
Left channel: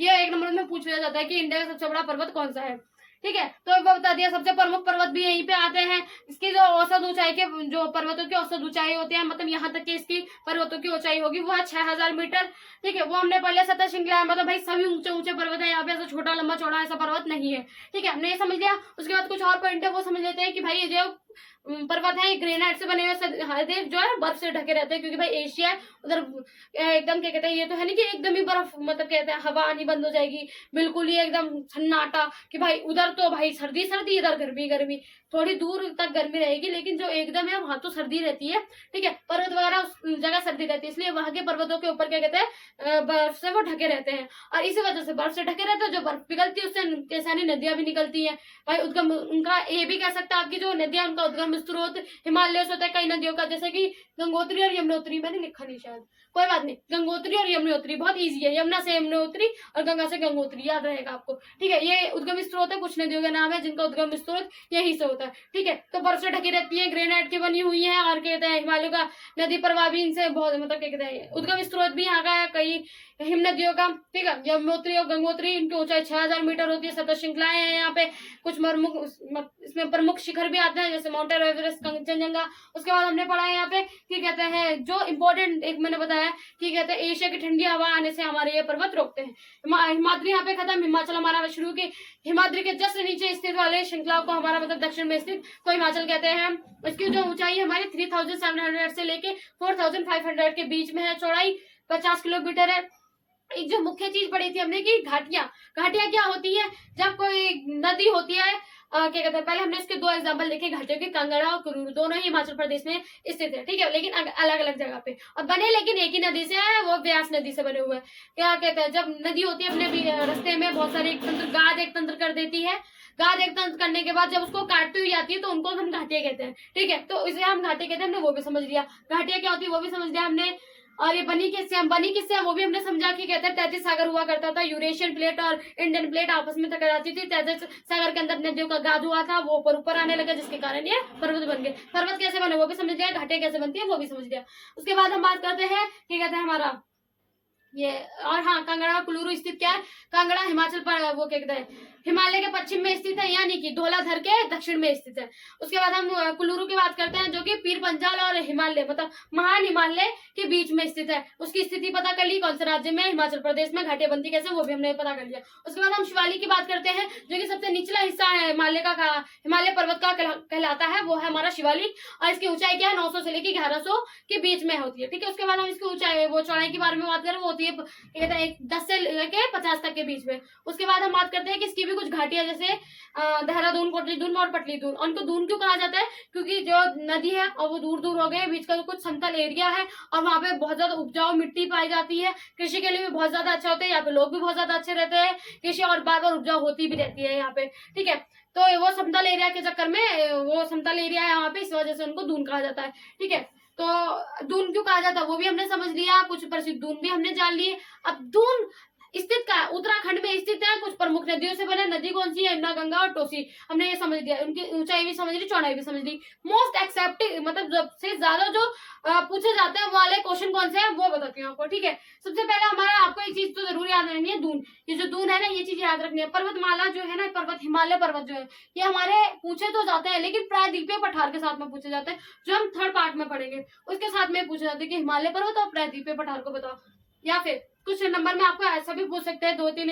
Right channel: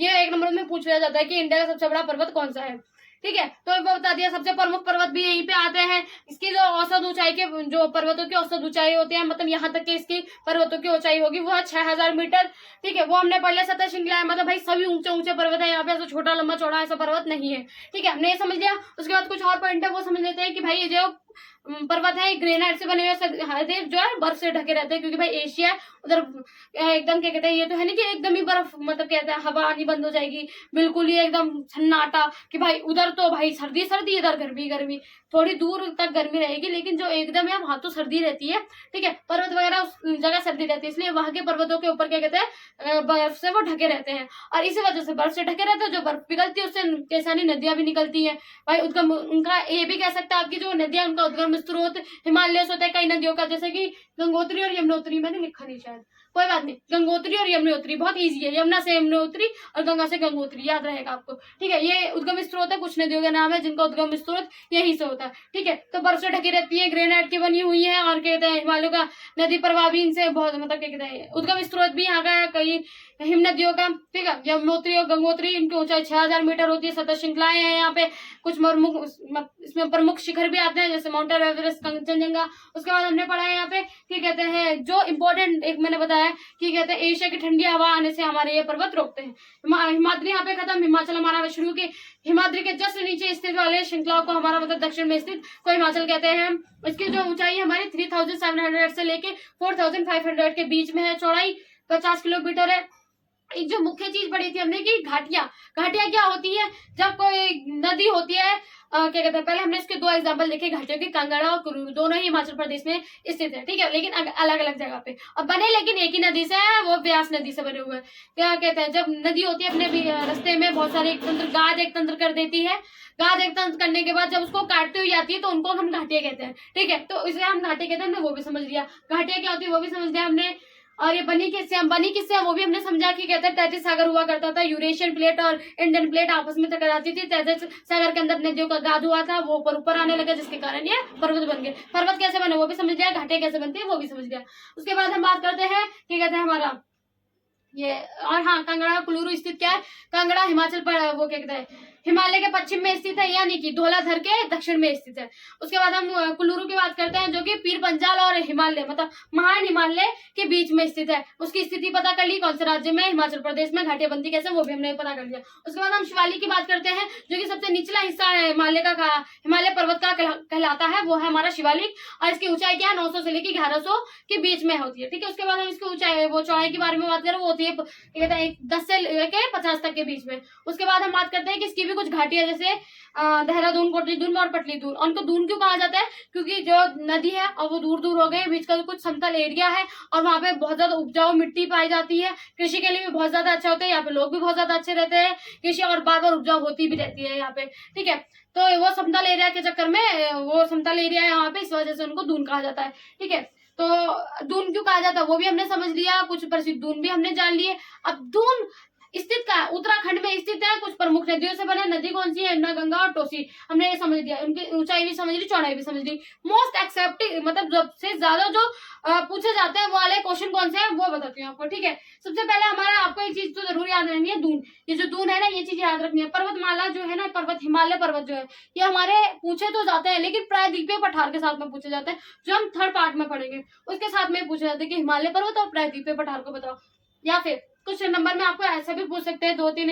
ये 1 नंबर में पूछ लिया जाता है कि इंडिया का सबसे बड़ा पर्वत कौन सा है, ठीक है। तो एक बार बता दिया, सबसे प्रमुख पर्वत भी यहीं पे आते हैं। इसकी जो औसत ऊंचाई के जो पर्वतों की औसत ऊंचाई होती है, मतलब यहाँ तक के इसकी पर्वतों की ऊंचाई होगी वो है 6000 मीटर, ठीक है। वो हमने पहले सतह श्रृंखला है, मतलब भाई सभी ऊंचे ऊंचे पर्वत है, यहाँ पे ऐसा छोटा लंबा चौड़ा ऐसा पर्वत नहीं है, ठीक है। हमने ये समझ लिया। उसके बाद कुछ और पॉइंट है वो समझ लेते हैं कि भाई ये जो पर्वत है ग्रेनाइट से बने हुए जो है बर्फ से ढके रहते हैं, क्योंकि भाई एशिया है उधर एकदम क्या कहते हैं ये तो है नहीं कि एकदम ही बर्फ मतलब कहते हैं हवा आनी बंद हो जाएगी, बिल्कुल ही एकदम सन्नाटा कि भाई उधर तो भाई सर्दी सर्दी इधर गर्मी गर्मी, थोड़ी दूर तक गर्मी रहेगी लेकिन जो एकदम है वहां तो सर्दी रहती है, ठीक है। पर्वत वगैरह उस जगह सर्दी रहती है, इसलिए वहां के पर्वतों के ऊपर क्या कहते हैं बर्फ से वो ढके रहते हैं। और इसी वजह से बर्फ से ढके रहते हैं, जो बर्फ पिघलती है उससे कैसा नहीं नदियां भी निकलती है भाई। उद्गम उनका ये भी कह सकता है आपकी जो नदियां उनका उद्गम स्त्रोत हिमालय से होता है कई नदियों का, जैसे कि गंगोत्री और यमुनोत्री, मैंने लिखा नहीं शायद, कोई बात नहीं। गंगोत्री और यमुनोत्री बहुत इजी है, यमुना से यमुनोत्री और गंगा से गंगोत्री, याद रहेगा आपको, ठीक है। ये उद्गम स्त्रोत है, कुछ नदियों का नाम है जिनका उद्गम स्त्रोत यही से होता है, ठीक है। तो बर्फ से ढकी रहती है, ग्रेनाइट की बनी हुई है और कहते हैं हिमालय का नदी प्रवाह भी इनसे बहुत मतलब क्या कहते हैं उद्गम स्त्रोत भी यहाँ का है कई हिम नदियों का, ठीक है। यमुनोत्री और गंगोत्री इनकी ऊंचाई 6000 मीटर होती है। सतह श्रृंखलाएं हैं यहाँ पे, कुछ प्रमुख इसमें प्रमुख शिखर भी आते हैं जैसे माउंट एवरेस्ट, कंचनजंगा। उसके बाद हमने पढ़ा है यहाँ पे कि कहते हैं जो इम्पोर्टेंट एक मैंने बताया कि कहते हैं एशिया की ठंडी हवा आने से हमारे ये पर्वत रोकते हैं। हिमाद्री यहाँ पे खत्म, हिमाचल हमारा शुरू के हिमाद्री के जस्ट नीचे स्थित वाले श्रृंखलाओं को हमारा मतलब दक्षिण में स्थित को हिमाचल कहते हैं। इसकी जो ऊंचाई है हमारी 3700 से लेके 4500 के बीच में है, चौड़ाई 50 किलोमीटर है। एक जो मुख्य चीज पढ़ी थी हमने कि घाटियां, घाटियां क्या होती है, जब कोई नदी होती है क्या कहते हैं, पहले हमने इसके 2 एग्जांपल देखे घाटियों के, कांगड़ा और कुरूर, दोनों ही हिमाचल प्रदेश में स्थित है, ठीक है, लेकिन अलग अलग जगह पे और बने लेकिन एक ही नदी से है, वो व्यास नदी से बने हुए हैं। क्या कहते हैं जब नदी होती है अपने रास्ते में बहुत सारे गाद एक तंत्र कर देती है, गाद एक तंत्र करने के बाद जब उसको काटती हुई आती है तो उनको हम घाटियां कहते हैं, ठीक है। तो इसे हम घाटियां कहते हैं, हमने वो भी समझ लिया, घाटियां क्या होती है वो भी समझ लिया हमने। और ये बनी किससे, हम बनी किससे वो भी हमने समझा कि कहते हैं 33 सागर हुआ करता था, यूरेशियन प्लेट और इंडियन प्लेट आपस में टकराती थी, 33 सागर के अंदर नदियों का गाद हुआ था, वो ऊपर आने लगा जिसके कारण ये पर्वत बन गए। पर्वत कैसे बने वो भी समझ लिया, घाटे कैसे बनती है वो भी समझ लिया। उसके बाद हम बात करते हैं कि कहते हैं हमारा ये, और हाँ कांगड़ा कुल्लू स्थित क्या है, कांगड़ा हिमाचल पर वो क्या कहते हैं हिमालय के पश्चिम में स्थित है, यानी कि धौलाधर के दक्षिण में स्थित है। उसके बाद हम कुल्लू की बात करते हैं, जो कि पीर पंजाल और हिमालय मतलब महान हिमालय के बीच में स्थित है। उसकी स्थिति पता कर ली, कौन से राज्य में, हिमाचल प्रदेश में। घाटीबंदी कैसे, वो भी हमने पता कर लिया। उसके बाद हम शिवालिक की बात करते हैं, जो कि सबसे निचला हिस्सा है हिमालय पर्वत का कहलाता है, वो है हमारा शिवालिक। और इसकी ऊंचाई क्या है, 900 से लेकर 1100 के बीच में होती है। ठीक है, उसके बाद हम इसकी ऊंचाई वो चौड़ाई के बारे में बात करें, वो होती है 10 से लेकर 50 तक के बीच में। उसके बाद हम बात करते हैं कि इसकी भी कुछ घाटियां, जैसे देहरादून, कोटली दून और पटली दून। उनको दून क्यों कहा जाता है, क्योंकि जो नदी है और वो दूर दूर हो गए, बीच का कुछ समतल एरिया है और वहां पे बहुत ज्यादा उपजाऊ मिट्टी पाई जाती है। कृषि के लिए भी बहुत ज्यादा अच्छा होता है, यहाँ पे लोग भी बहुत ज्यादा अच्छे रहते हैं, कृषि और बार बार उपजाऊ होती भी रहती है यहाँ पे। ठीक है, तो वो समतल एरिया के चक्कर में, वो समतल एरिया है यहाँ पे, इस वजह से उनको दून कहा जाता है। ठीक है, तो दून क्यों कहा जाता है वो भी हमने समझ लिया, कुछ प्रसिद्ध दून भी हमने जान लिए। अब दून स्थित का है, उत्तराखंड में स्थित है। कुछ प्रमुख नदियों से बना, नदी कौन सी है, यमुना, गंगा और कोसी, हमने ये समझ लिया। उनकी ऊंचाई भी समझ ली, चौड़ाई भी समझ ली। मोस्ट एक्सेप्टेड मतलब सबसे ज्यादा जो पूछे जाते हैं वो वाले क्वेश्चन कौन से हैं वो बताती हूँ आपको। ठीक है, सबसे पहले हमारा आपको एक चीज तो जरूर याद रखनी है, दून। ये जो दून है ना, ये चीज याद रखनी है। पर्वतमाला जो है ना, पर्वत हिमालय पर्वत जो है, ये हमारे पूछे तो जाते हैं, लेकिन प्रायद्वीपीय पठार के साथ में पूछे जाते हैं, जो हम थर्ड पार्ट में पढ़ेंगे। उसके साथ में पूछे जाते हैं कि हिमालय पर्वत और प्रायद्वीपीय पठार को बताओ। या फिर कुछ नंबर में आपको ऐसा भी पूछ सकते हैं, 2-3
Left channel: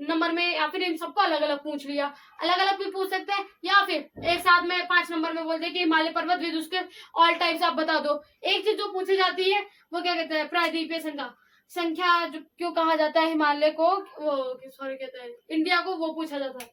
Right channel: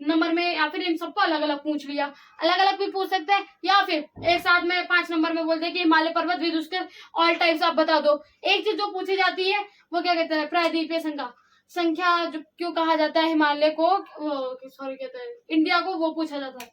नंबर में, या फिर इन सबको अलग अलग पूछ लिया, अलग अलग भी पूछ सकते हैं। या फिर एक साथ में 5 नंबर में बोलते हैं कि हिमालय पर्वत विद उसके ऑल टाइप्स आप बता दो। एक चीज जो पूछी जाती है वो क्या कहते हैं, प्रायद्वीपीय संख्या जो क्यों कहा जाता है हिमालय को, वो सॉरी कहते हैं इंडिया को, वो पूछा जाता है।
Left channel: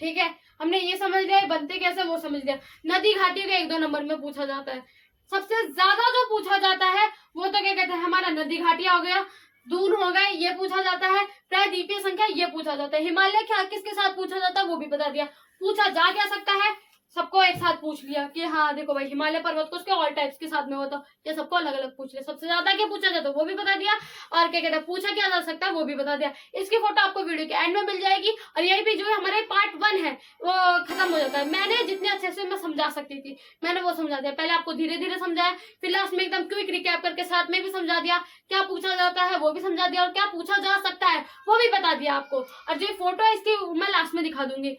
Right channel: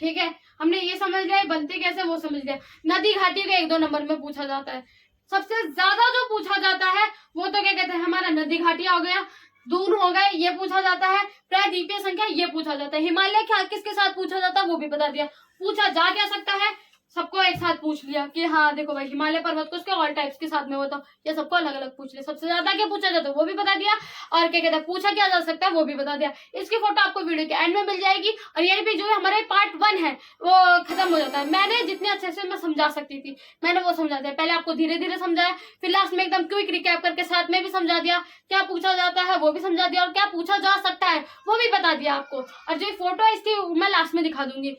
ठीक है, हमने ये समझ लिया, बनते कैसे वो समझ लिया। नदी घाटी का 1-2 नंबर में पूछा जाता है। सबसे ज्यादा जो पूछा जाता है वो तो क्या कहते हैं, हमारा नदी घाटिया हो गया, दून हो गए, ये पूछा जाता है। प्रायद्वीपीय संख्या ये पूछा जाता है। हिमालय क्या किसके साथ पूछा जाता है वो भी बता दिया। पूछा जा क्या सकता है, सबको एक साथ पूछ लिया कि हाँ देखो भाई, हिमालय पर्वत को उसके ऑल टाइप्स के साथ में होता, ये सबको अलग अलग पूछ लिया। सबसे ज्यादा क्या पूछा जाता है वो भी बता दिया, और क्या कहता है पूछा क्या जा सकता है वो भी बता दिया। इसकी फोटो आपको वीडियो के एंड में मिल जाएगी। और ये भी जो है हमारे पार्ट 1 है वो खत्म हो जाता है। मैंने जितने अच्छे से मैं समझा सकती थी मैंने वो समझा दिया। पहले आपको धीरे धीरे समझाया, फिर लास्ट में एकदम क्विक रिकैप करके साथ में भी समझा दिया, क्या पूछा जाता है वो भी समझा दिया, और क्या पूछा जा सकता है वो भी बता दिया आपको। और जो फोटो है इसकी मैं लास्ट में दिखा दूंगी।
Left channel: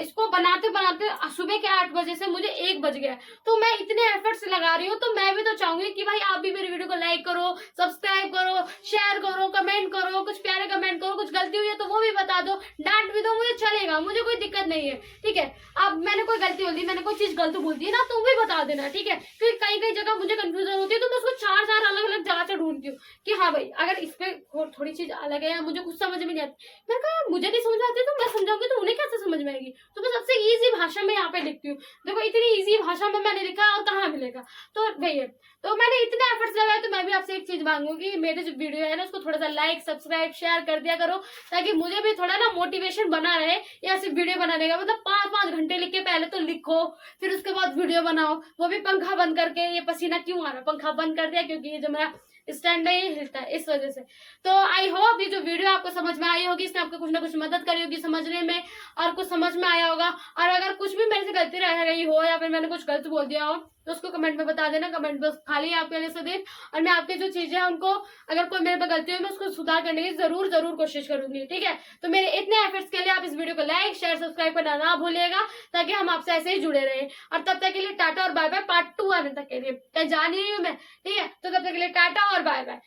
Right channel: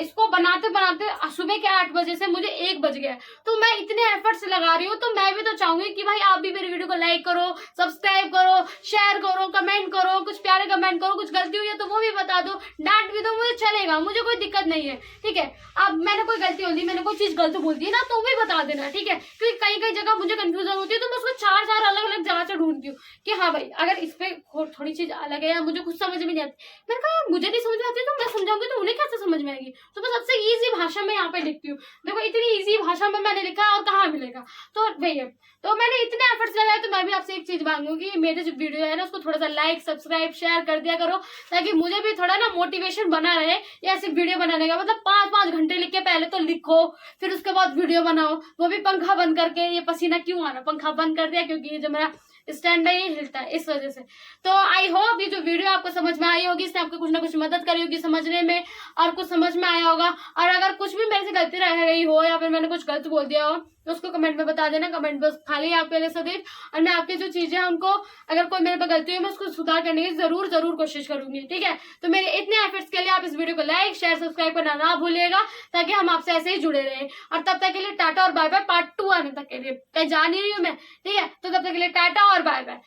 इसको बनाते बनाते सुबह के 8 बजे से मुझे 1 बज गया, तो मैं इतने एफर्ट्स लगा रही हूँ, तो मैं भी तो चाहूंगी कि भाई आप भी मेरी वीडियो को लाइक करो, सब्सक्राइब करो, शेयर करो, कमेंट करो, कुछ प्यारे कमेंट करो, कुछ गलती हुई है तो वो भी बता दो, डांट भी दो, मुझे चलेगा, मुझे कोई दिक्कत नहीं है। ठीक है, अब मैंने कोई गलती बोल दी, मैंने कोई चीज गलत बोल दी ना, तो भी बता देना। ठीक है, क्योंकि कई कई जगह मुझे कंफ्यूजन होती है, तो मैं उसको 4 अलग अलग जगह से ढूंढती हूँ कि हाँ भाई अगर इस पे थोड़ी चीज अलग है या मुझे कुछ समझ में नहीं आती, मैंने कहा मुझे नहीं समझ आती तो मैं समझाऊंगी तो उन्हें कैसे समझ में आएगी, तो मैं सबसे इजी भाषा में यहाँ पे लिखती हूँ। देखो इतनी इजी भाषा में मैंने लिखा और कहाँ मिलेगा, तो भैया तो मैंने इतने एफर्ट्स लगाए, तो मैं भी आपसे एक चीज मांगूंगी, मेरे जो वीडियो है ना उसको थोड़ा सा लाइक सब्सक्राइब शेयर कर दिया करो, ताकि मुझे भी थोड़ा ना मोटिवेशन बना रहे या सिर्फ वीडियो बनाने का। मतलब 5-5 घंटे लिख के पहले तो लिखो, फिर उसके बाद वीडियो बनाओ, वो भी पंखा बंद करके। ये पसीना क्यों आ रहा, पंखा बंद कर दिया क्योंकि ये जो मेरा स्टैंड है ये हिलता है इस वजह से। तो आई होप ये जो वीडियो आपको समझ में आई होगी, इसने आपको कुछ ना कुछ मदद करी होगी समझने में, और कुछ समझ में आया होगा। और अगर कुछ भी मेरे से गलती रह गई हो या फिर मैंने कुछ गलत बोल दिया हो तो उसको कमेंट में बता देना। कमेंट बस खाली आपके लिए सदैव, और मैं आपकी जो चीजें हैं उनको, अगर कोई मेरे पे गलती हुई मैं उसको सुधार करने की जरूर कोशिश करूंगी। ठीक है, तो मेरे इतने एफर्ट्स के लिए आप इस वीडियो को लाइक शेयर सब्सक्राइब करना ना भूलिएगा, ताकि हम आपसे ऐसे ही जुड़े रहे। और तब तक के लिए टाटा और बाय बाय। पार्ट 2 आने तक के लिए कहीं जा नहीं रही हूँ मैं। ठीक है, तो तब तक के लिए टाटा और बाय बाय।